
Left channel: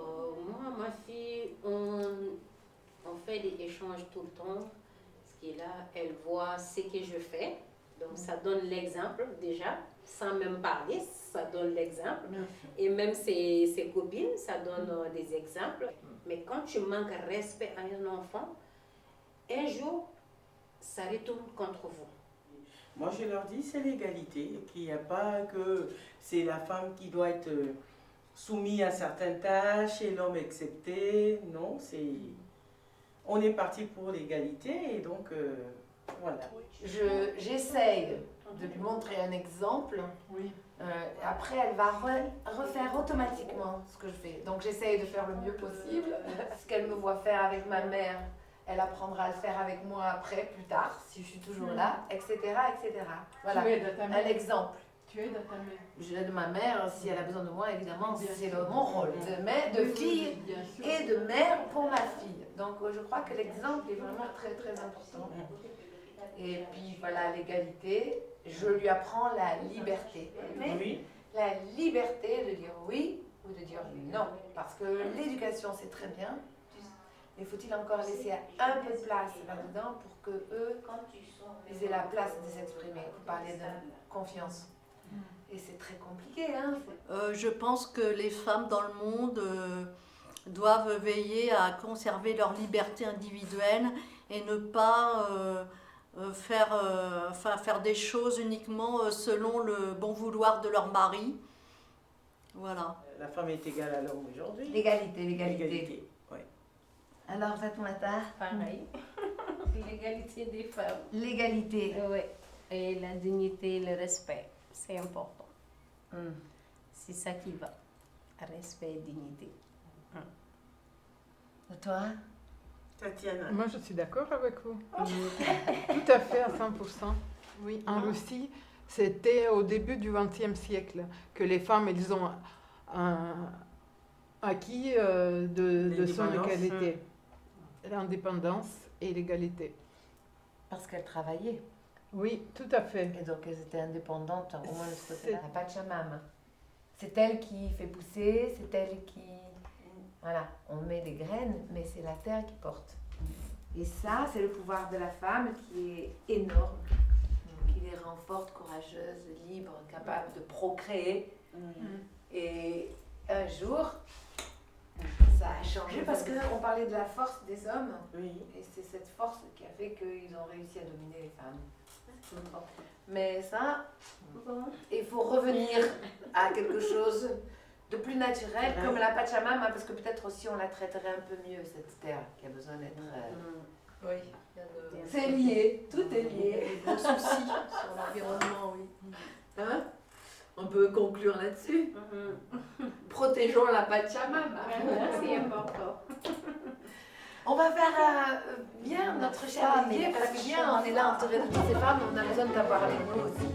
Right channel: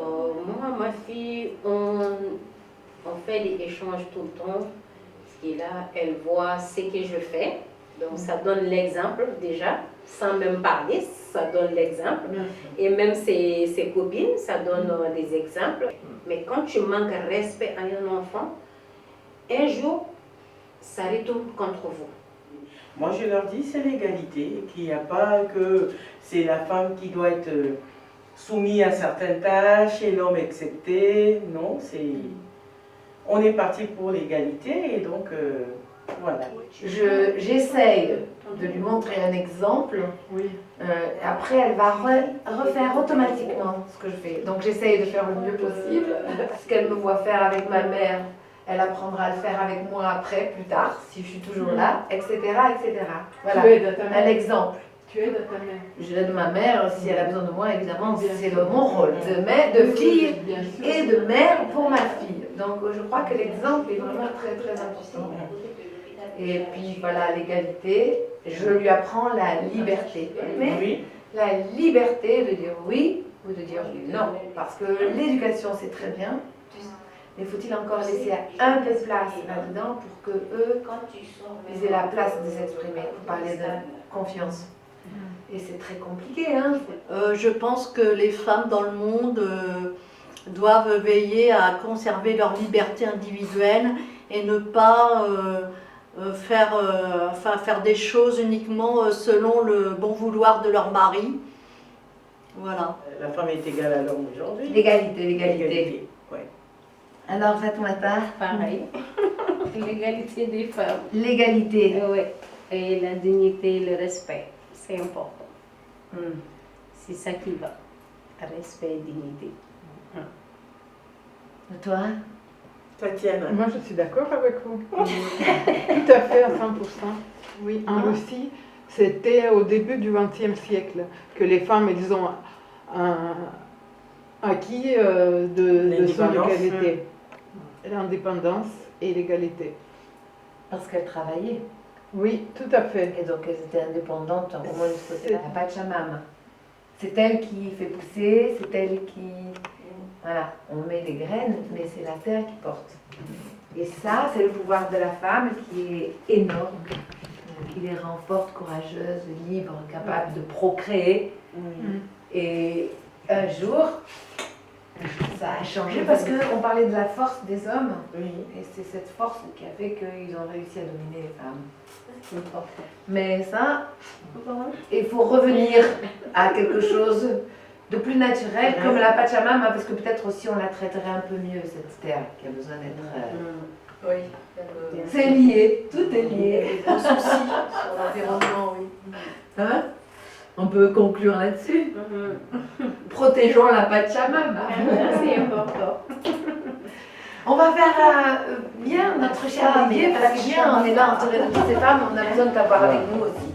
moi, ma fille, on fait des échanges tout le temps. Ce qui est là, elle voit ce que je fais. Donc, ça donne l'exemple déjà, sans même parler, ça donne l'exemple. Et même ses copines, ça donne des exemples. Mais quand tu manques respect à un enfant, un jour, ça retourne contre vous. Moi, je leur dis, c'est l'égalité, qu'il n'y a pas que c'est la femme qui doit être soumise à certaines tâches et l'homme accepté. Non, c'est... On est parti pour l'égalité et donc, voilà. J'essaye de lui montrer un exemple. Après, elle va refaire automatiquement ce que je fais. Donc, j'essaye de faire le mieux possible. Ce qu'elle me voit faire avec ma mère, elle apprendra à le faire avec moi après, plus tard, si je suis toujours là, etc. etc. Voilà, Tu aides ta mère. un exemple. Tu aides ta mère. Je l'aide ma mère, si elle a besoin de moi, évidemment, c'est mon rôle de mère, de fille et de mère pour ma fille. Donc, je crois que l'exemple est vraiment très, très important. Et puis, voilà, l'égalité, je lui apprends la liberté. Mais la liberté de dire oui ou de dire non. Parce que l'éducation, c'est très bien. Mais faut-il encore laisser un peu de place là-dedans pour que eux, ils aient la place de s'exprimer. Vous parlez de confiance. Et c'est très compliqué, hein. Je pense que les femmes dans le monde doivent veiller à conserver leur liberté individuelle et ne pas faire des choses uniquement selon le bon vouloir de leur mari. Voilà. La femme est égale à l'homme aujourd'hui. L'égalité. Ouais. Alors, Fatoumata, pareil. L'égalité des femmes. L'égalité. Oui. Et la dignité, le respect, c'est important. C'est ça qui va. Respect et dignité. Et toi? Tatiana. Moi, je suis d'accord avec vous. Tout à fait, à 100%. Oui, en Russie, c'était au début du XXe siècle que les femmes, elles ont acquis de son égalité. L'indépendance et l'égalité. Parce qu'elles travaillaient. Oui, tout à fait. Et donc elles étaient indépendantes, au moins c'était la Pachamama. C'est elle qui fait pousser, c'est elle qui... Voilà, on met des graines, mais c'est la terre qui porte. Et ça, c'est le pouvoir de la femme qui est énorme, qui les rend fortes, courageuses, libres, capables de procréer. Et un jour, ça a changé parce qu'on parlait de la force des hommes. Et c'est cette force qui a fait qu'ils ont réussi à dominer les femmes. Mais ça, il faut revenir à quelque chose de plus naturel, comme la Pachamama, parce que peut-être aussi on la traiterait un peu mieux, cette terre qui a besoin d'être... Oui. C'est lié, tout est lié. Des soucis sur l'environnement, oui. Hein? On peut conclure là-dessus. Protégeons la Pachamama. C'est important. On va faire bien notre cher Olivier, parce que bien, on est là entouré de toutes ces femmes, on a besoin de t'avoir avec nous aussi.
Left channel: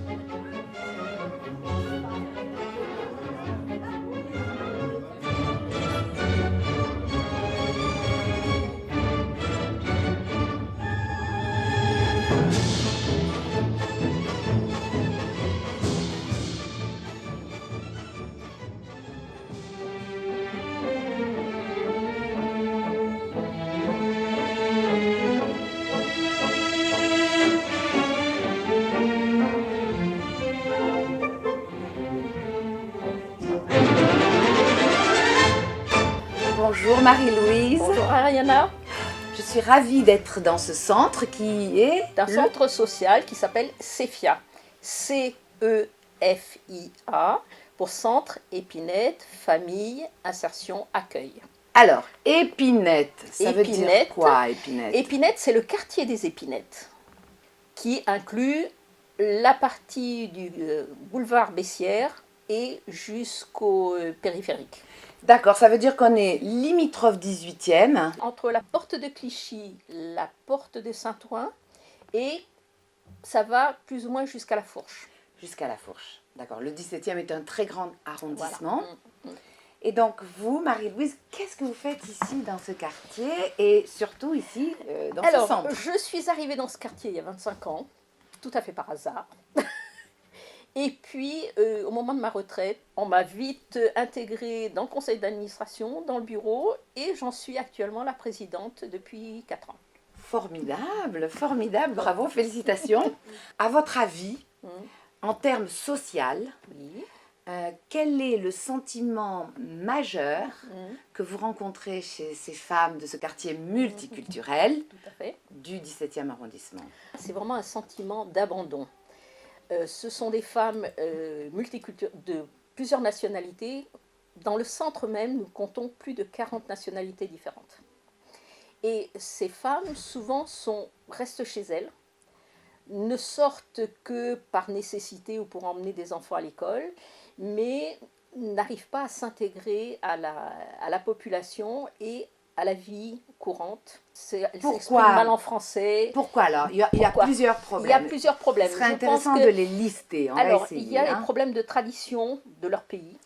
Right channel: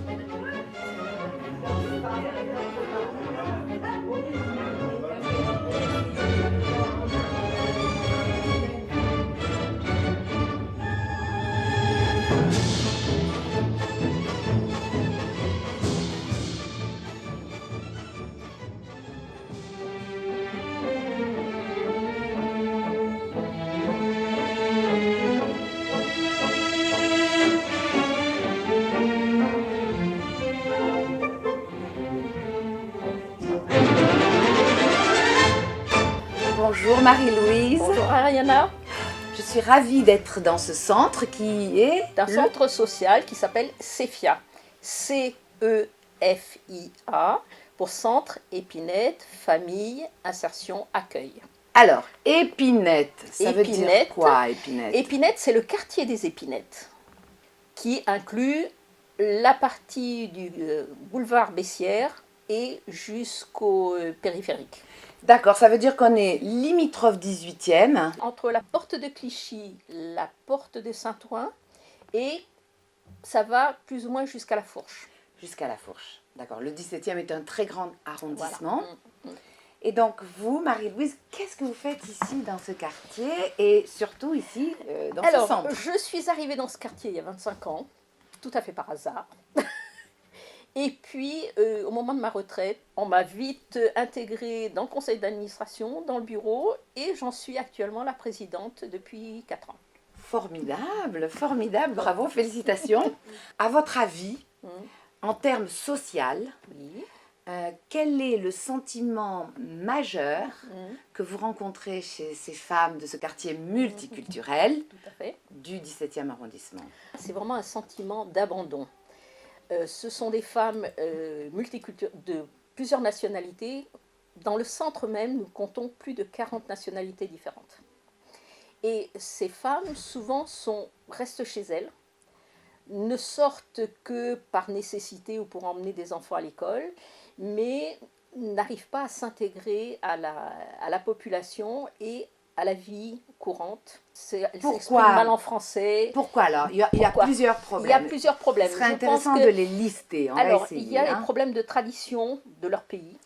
Bonjour Marie-Louise. Bonjour Ariana. Je suis ravie d'être dans ce centre qui est... un centre social qui s'appelle CEFIA. C-E-F-I-A pour Centre Épinette, Famille, Insertion, Accueil. Alors, Épinette, ça veut dire Épinette. quoi, Épinette? Épinette, c'est le quartier des Épinettes, qui inclut la partie du boulevard Bessières et jusqu'au périphérique. D'accord, ça veut dire qu'on est limitrophe 18e. Entre la porte de Clichy, la porte de Saint-Ouen, et ça va plus ou moins jusqu'à la Fourche. Jusqu'à la Fourche, d'accord. Le 17e est un très grand arrondissement. Voilà. Et donc vous, Marie-Louise, qu'est-ce que vous faites ici dans ce quartier et surtout ici dans ce centre? Alors, je suis arrivée dans ce quartier il y a 25 ans, tout à fait par hasard. Et puis, au moment de ma retraite, on m'a vite intégrée dans le conseil d'administration, dans le bureau, et j'en suis actuellement la présidente depuis 4 ans. Formidable, formidable, bravo, félicitations. À votre avis, en termes social, quel est le sentiment majeur que vous rencontrez chez ces femmes de ce quartier multiculturel du 17e arrondissement? C'est vraiment un sentiment d'abandon. Ce sont des femmes multiculturelles de plusieurs nationalités. Dans le centre même, nous comptons plus de 40 nationalités différentes. Et ces femmes, souvent, restent chez elles, ne sortent que par nécessité ou pour emmener des enfants à l'école, mais n'arrivent pas à s'intégrer à la population et à la vie courante. Elles s'expriment mal en français. Pourquoi alors? Il y a plusieurs problèmes. Il y a plusieurs problèmes. Ce serait intéressant de les lister. Alors, il y a les problèmes de tradition de leur pays,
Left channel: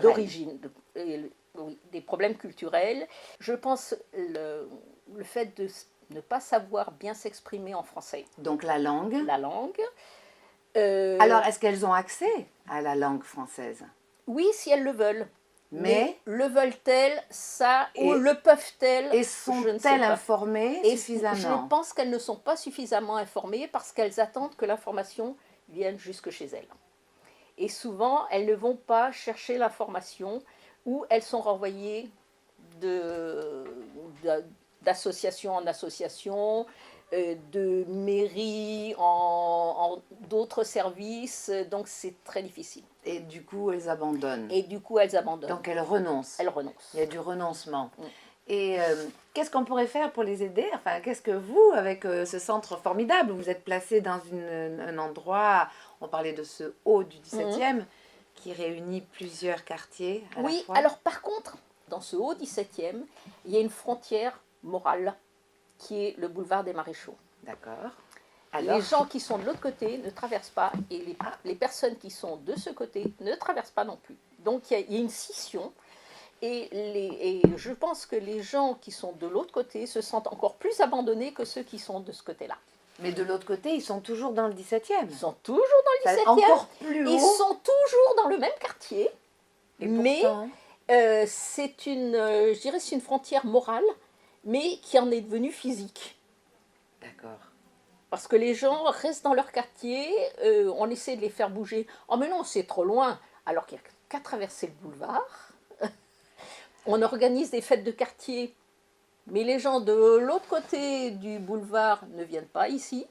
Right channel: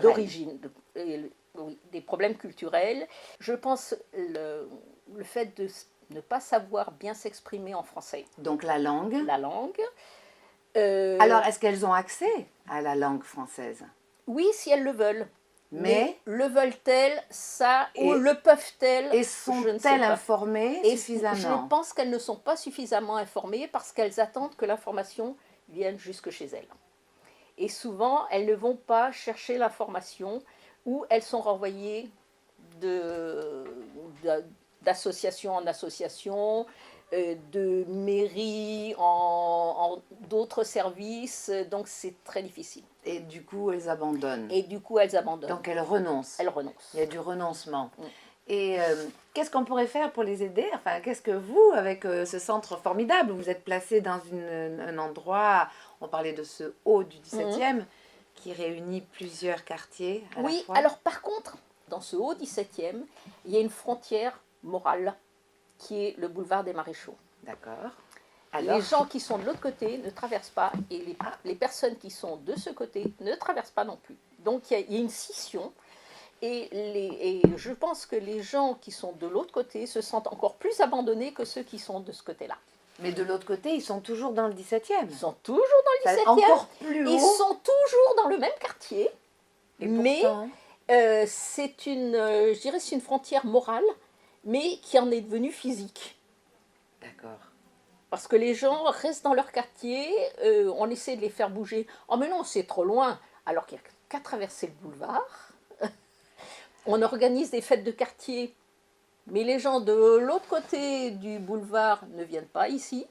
d'origine, des problèmes culturels. Je pense le fait de ne pas savoir bien s'exprimer en français. Donc la langue. La langue. Alors, est-ce qu'elles ont accès à la langue française? Oui, si elles le veulent. Mais le veulent-elles, ça, ou le peuvent-elles? Et sont-elles informées suffisamment? Je pense qu'elles ne sont pas suffisamment informées parce qu'elles attendent que l'information vienne jusque chez elles. Et souvent, elles ne vont pas chercher l'information ou elles sont renvoyées d'association en association, de mairie en d'autres services, donc c'est très difficile. Et du coup, elles abandonnent. Donc elles renoncent. Elles renoncent. Il y a du renoncement. Et qu'est-ce qu'on pourrait faire pour les aider? Enfin, qu'est-ce que vous, avec ce centre formidable, vous êtes placé dans un endroit, on parlait de ce haut du 17e, qui réunit plusieurs quartiers à la fois. Alors par contre, dans ce haut 17e, il y a une frontière morale qui est le boulevard des Maréchaux. D'accord. Les gens qui sont de l'autre côté ne traversent pas et les personnes qui sont de ce côté ne traversent pas non plus. Donc il y a une scission et je pense que les gens qui sont de l'autre côté se sentent encore plus abandonnés que ceux qui sont de ce côté-là. Mais de l'autre côté, ils sont toujours dans le 17e. Ils sont toujours dans le 17e. Encore plus haut. Ils sont toujours dans le même quartier. Mais c'est une frontière morale, mais qui en est devenue physique. D'accord. Parce que les gens restent dans leur quartier, on essaie de les faire bouger. Oh mais non, c'est trop loin, alors qu'il n'y a qu'à traverser le boulevard. On organise des fêtes de quartier, mais les gens de l'autre côté du boulevard ne viennent pas ici.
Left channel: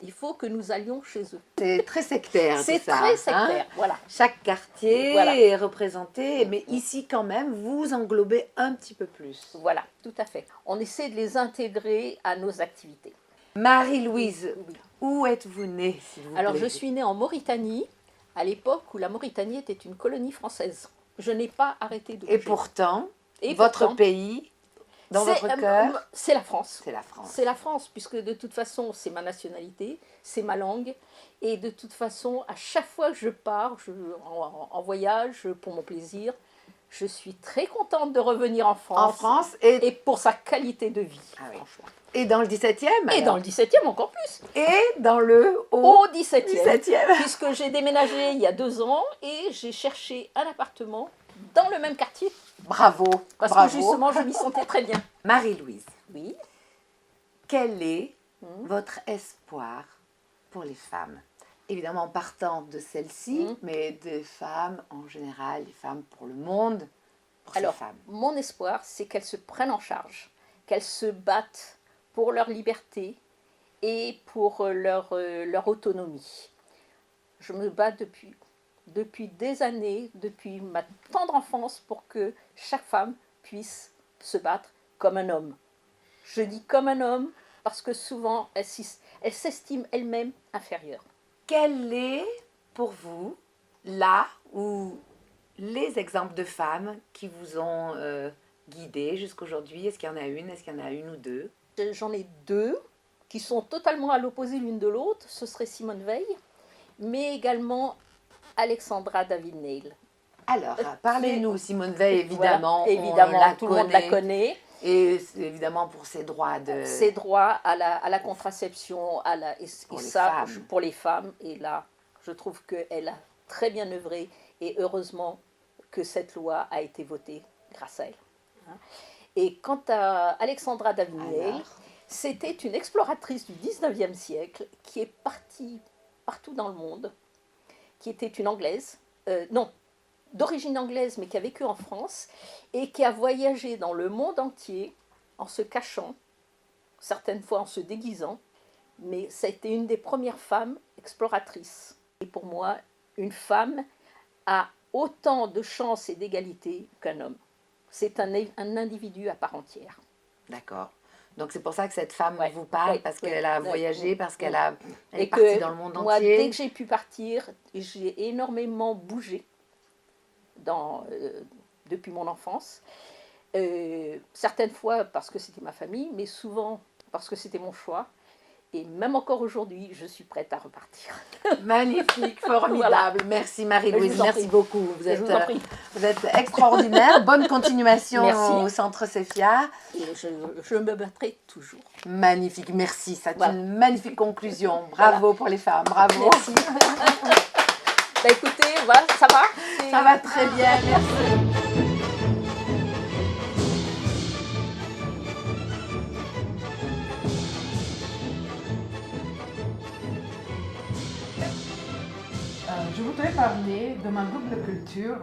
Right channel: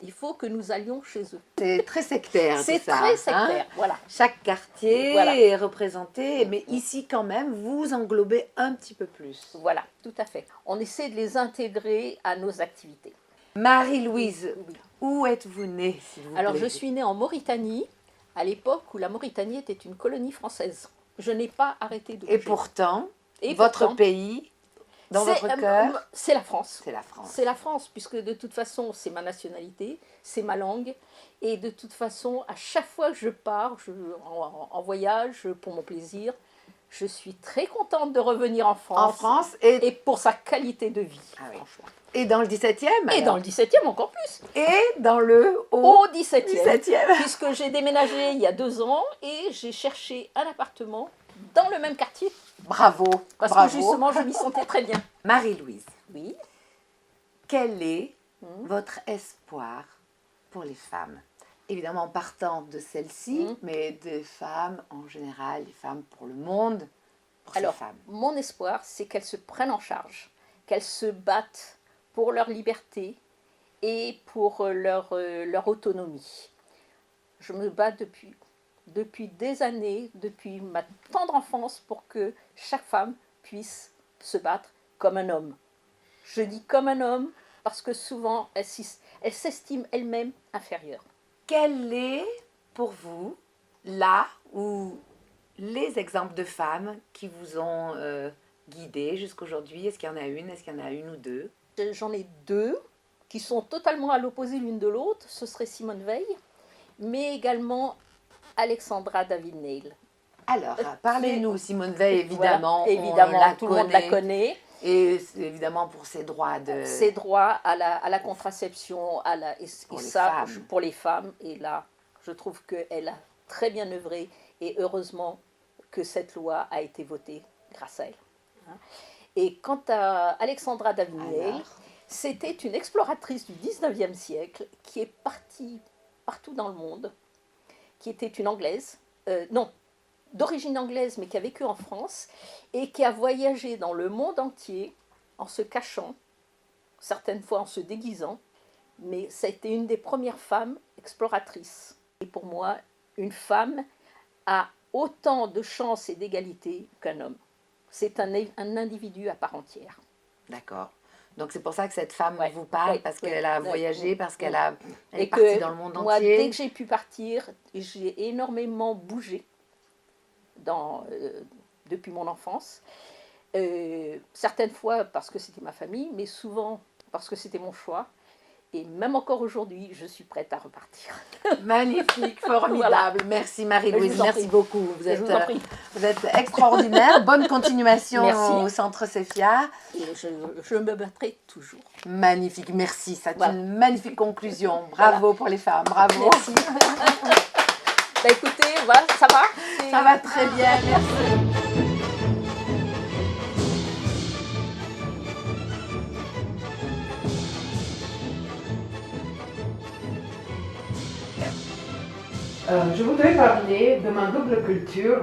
Il faut que nous allions chez eux. C'est très sectaire. C'est très sectaire, voilà. Chaque quartier est représenté, mais ici quand même, vous englobez un petit peu plus. Voilà, tout à fait. On essaie de les intégrer à nos activités. Marie-Louise, où êtes-vous née, s'il vous plaît? Alors, je suis née en Mauritanie, à l'époque où la Mauritanie était une colonie française. Je n'ai pas arrêté de bouger. Et pourtant, votre pays, dans votre cœur, c'est la France. C'est la France. C'est la France, puisque de toute façon, c'est ma nationalité, c'est ma langue. Et de toute façon, à chaque fois que je pars en voyage pour mon plaisir, je suis très contente de revenir en France. En France et pour sa qualité de vie, franchement. Et dans le 17e Et dans le 17e encore plus. Et dans le au 17e. 17e. Puisque j'ai déménagé il y a 2 ans et j'ai cherché un appartement dans le même quartier. Bravo. Parce bravo. que justement, je m'y sentais très bien. Marie-Louise. Oui. Quel est votre espoir pour les femmes? Évidemment, en partant de celle-ci, mais des femmes en général, les femmes pour le monde, pour ces femmes. Mon espoir, c'est qu'elles se prennent en charge, qu'elles se battent pour leur liberté et pour leur autonomie. Je me bats depuis des années, depuis ma tendre enfance, pour que chaque femme puisse se battre comme un homme. Je dis comme un homme parce que souvent, elle s'estime elle-même inférieure. Quel est pour vous là où les exemples de femmes qui vous ont guidé jusqu'aujourd'hui? Est-ce qu'il y en a une? Est-ce qu'il y en a une ou deux? J'en ai deux qui sont totalement à l'opposé l'une de l'autre. Ce serait Simone Veil, mais également Alexandra David-Neil. Alors, parlez-nous, Simone Veil, évidemment. Voilà, évidemment, tout le monde la connaît. Et évidemment pour ses droits de... Ses droits à la contraception, pour les femmes. Et là, je trouve qu'elle a très bien œuvré et heureusement que cette loi a été votée grâce à elle. Et quant à Alexandra David-Neil, c'était une exploratrice du 19e siècle qui est partie partout dans le monde, qui était une Anglaise, d'origine anglaise mais qui a vécu en France et qui a voyagé dans le monde entier en se cachant, certaines fois en se déguisant, mais ça a été une des premières femmes exploratrices. Et pour moi, une femme a autant de chances et d'égalité qu'un homme. C'est un individu à part entière. D'accord. Donc c'est pour ça que cette femme vous parle, parce qu'elle a voyagé, parce qu'elle est partie dans le monde moi, entier. Dès que j'ai pu partir, j'ai énormément bougé depuis mon enfance. Certaines fois parce que c'était ma famille, mais souvent parce que c'était mon choix. Et même encore aujourd'hui, je suis prête à repartir. Magnifique, formidable. Voilà. Merci Marie-Louise, merci beaucoup. Vous êtes extraordinaire. Bonne continuation au Centre Sophia. Et je me battrai toujours. Magnifique, merci. C'est une magnifique conclusion. Bravo pour les femmes, bravo. Merci. Écoutez, voilà, ça va? Ça va très bien, merci. Je voudrais parler de ma double culture,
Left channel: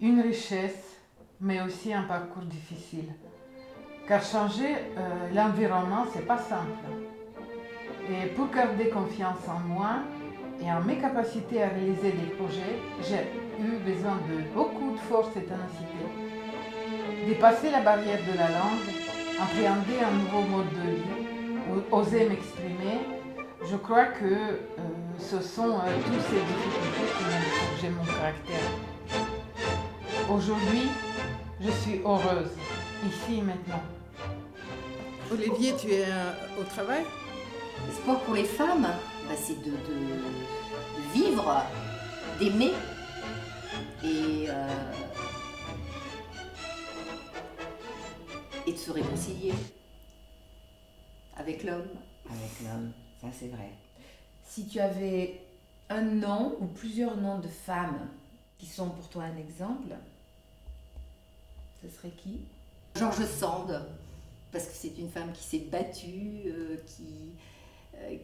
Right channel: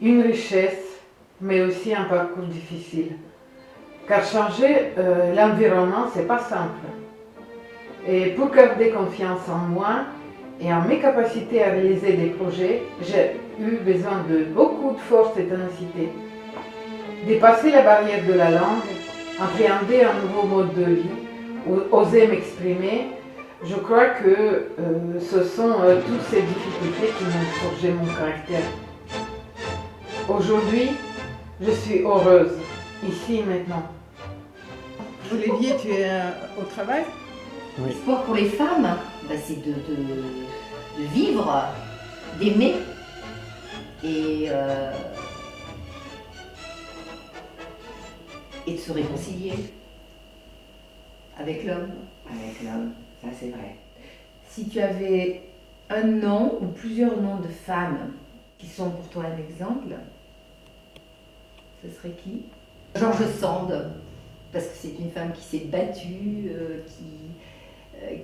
une richesse, mais aussi un parcours difficile. Car changer l'environnement, c'est pas simple. Et pour garder confiance en moi et en mes capacités à réaliser des projets, j'ai eu besoin de beaucoup de force et ténacité. Dépasser la barrière de la langue, appréhender un nouveau mode de vie, oser m'exprimer. Je crois que ce sont toutes ces difficultés qui m'ont forgé mon caractère. Aujourd'hui, je suis heureuse, ici et maintenant. Olivier, tu es au travail? Le sport pour les femmes, c'est de vivre, d'aimer et de se réconcilier avec l'homme. Avec l'homme. Ça, c'est vrai. Si tu avais un nom ou plusieurs noms de femmes qui sont pour toi un exemple, ce serait qui? George Sand, parce que c'est une femme qui s'est battue,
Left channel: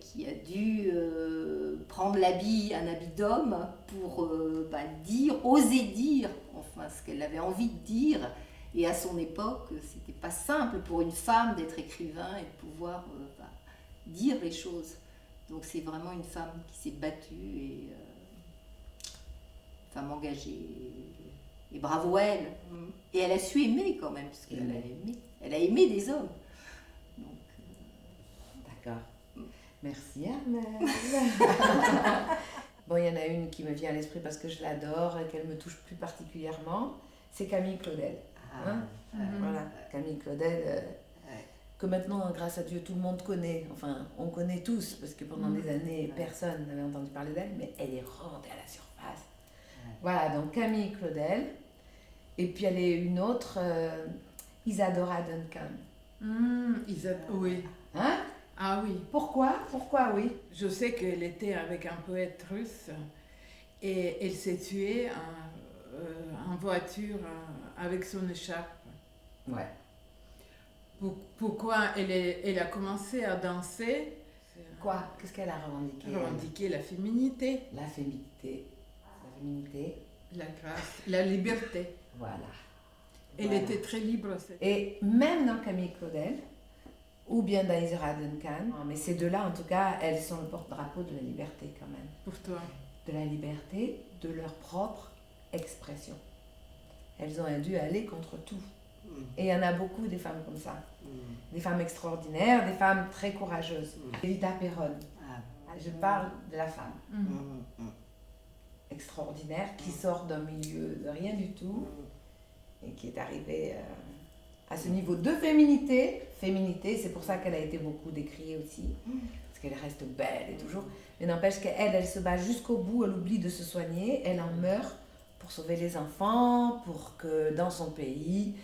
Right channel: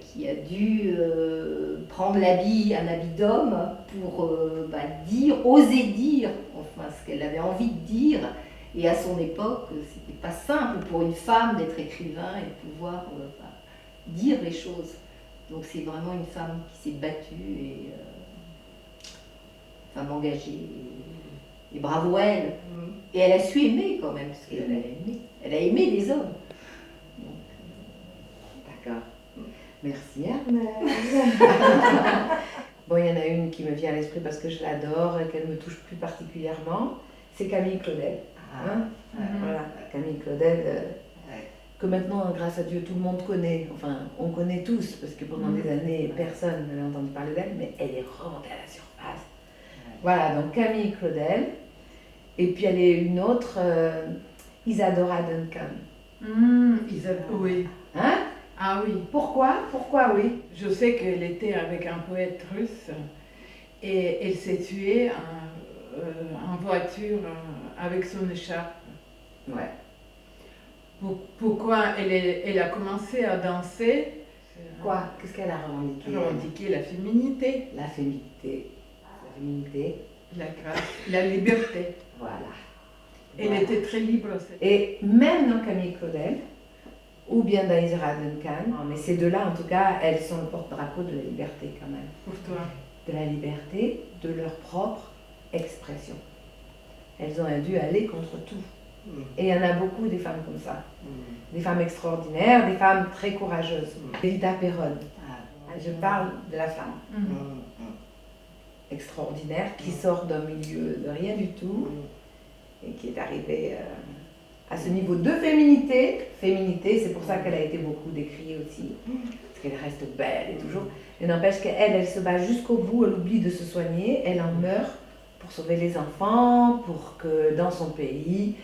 qui a dû prendre un habit d'homme pour oser dire enfin, ce qu'elle avait envie de dire. Et à son époque, c'était pas simple pour une femme d'être écrivain et de pouvoir dire les choses. Donc c'est vraiment une femme qui s'est battue et femme engagée. Et bravo elle. Et elle a su aimer quand même, parce qu'elle a aimé des hommes. D'accord. Merci Armelle. Bon, il y en a une qui me vient à l'esprit parce que je l'adore et qu'elle me touche plus particulièrement, c'est Camille Claudel. Voilà, Camille Claudel, que maintenant, grâce à Dieu, tout le monde connaît. Enfin, on connaît tous, parce que pendant des années, personne n'avait entendu parler d'elle, mais elle est remontée à la surface. Voilà, donc Camille Claudel. Et puis elle est une autre, Isadora Duncan. Oui. Hein? Ah oui. Pourquoi? Pourquoi oui? Je sais qu'elle était avec un poète russe et elle s'est tuée en voiture avec son écharpe. Ouais. Pourquoi elle a commencé à danser? Quoi? Qu'est-ce qu'elle a revendiqué? Revendiquer la féminité. La féminité. La féminité. La grâce. La liberté. Voilà. Elle était très libre. Et même dans Camille Claudel, ou bien dans Isadora Duncan, mais ces deux-là, en tout cas, elles sont le porte-drapeau de la liberté quand même. Pour toi? De la liberté, de leur propre expression. Elles ont dû aller contre tout. Et il y en a beaucoup des femmes comme ça. Des femmes extraordinaires, des femmes très courageuses. Evita Perron. Je parle de la femme extraordinaire qui sort d'un milieu de rien du tout et qui est arrivée à ce niveau de féminité. Féminité, c'est pour ça qu'elle a été beaucoup décriée aussi, parce qu'elle reste belle et toujours. Mais n'empêche qu'elle, elle se bat jusqu'au bout, elle oublie de se soigner, elle en meurt pour sauver les enfants, pour que dans son pays,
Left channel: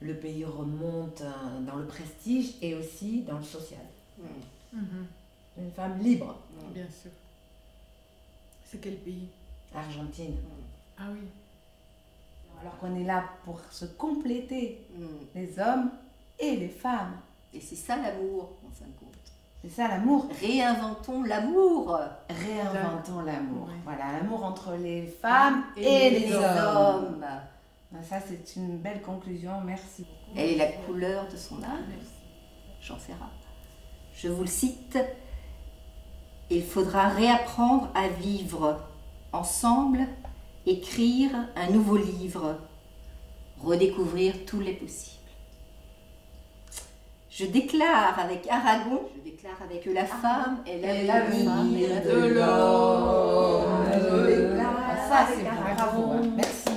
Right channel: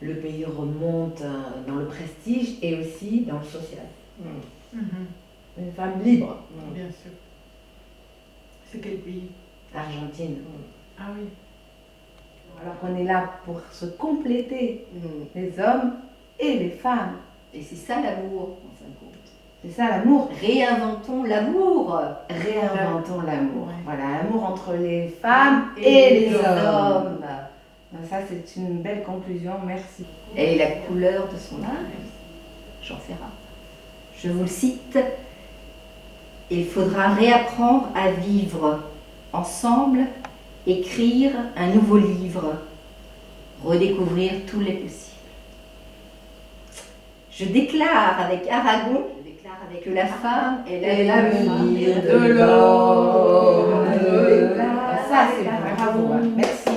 le pays remonte dans le prestige et aussi dans le social. Une femme libre. Bien sûr. C'est quel pays? L'Argentine. Ah oui. Alors qu'on est là pour se compléter, les hommes et les femmes. Et c'est ça l'amour, en fin de compte. C'est ça l'amour. Réinventons l'amour. Réinventons l'amour. Voilà, l'amour entre les femmes et les hommes. Ça, c'est une belle conclusion, merci. Et la couleur de son âme, Jean Ferrat. Je vous le cite. Il faudra réapprendre à vivre ensemble, écrire un nouveau livre, redécouvrir tous les possibles. Je déclare avec Aragon que la femme est l'avenir de l'homme. Ça, c'est bravo. Merci.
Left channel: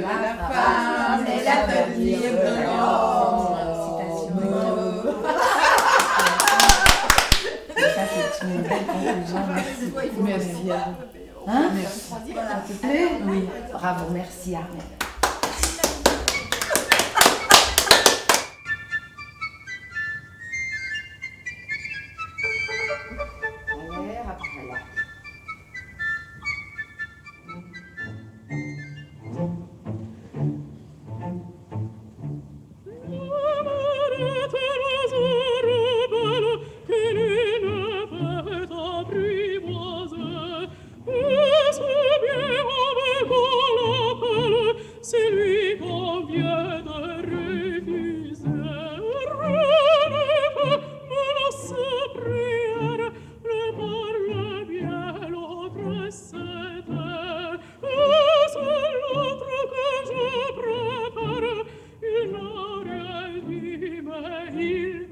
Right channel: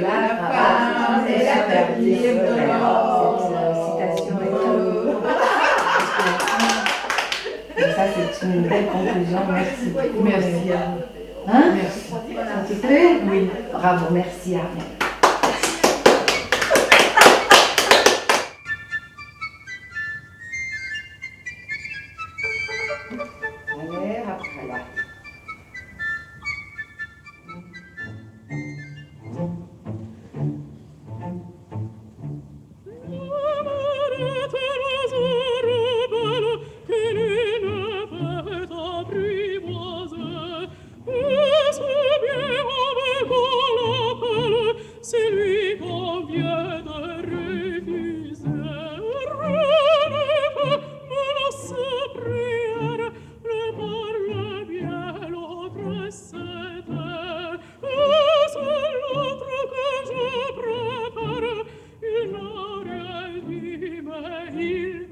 La femme est l'avenir de l'homme. Ça, c'est une belle conclusion. Merci. Merci à vous. Hein? Merci. Ça te plaît? Oui. Bravo, merci Ariane. C'est lui qu'on vient de refuser. Menace prière, le parle bien, l'autre cède. C'est l'autre que je préfère, il n'a rien dit, mais il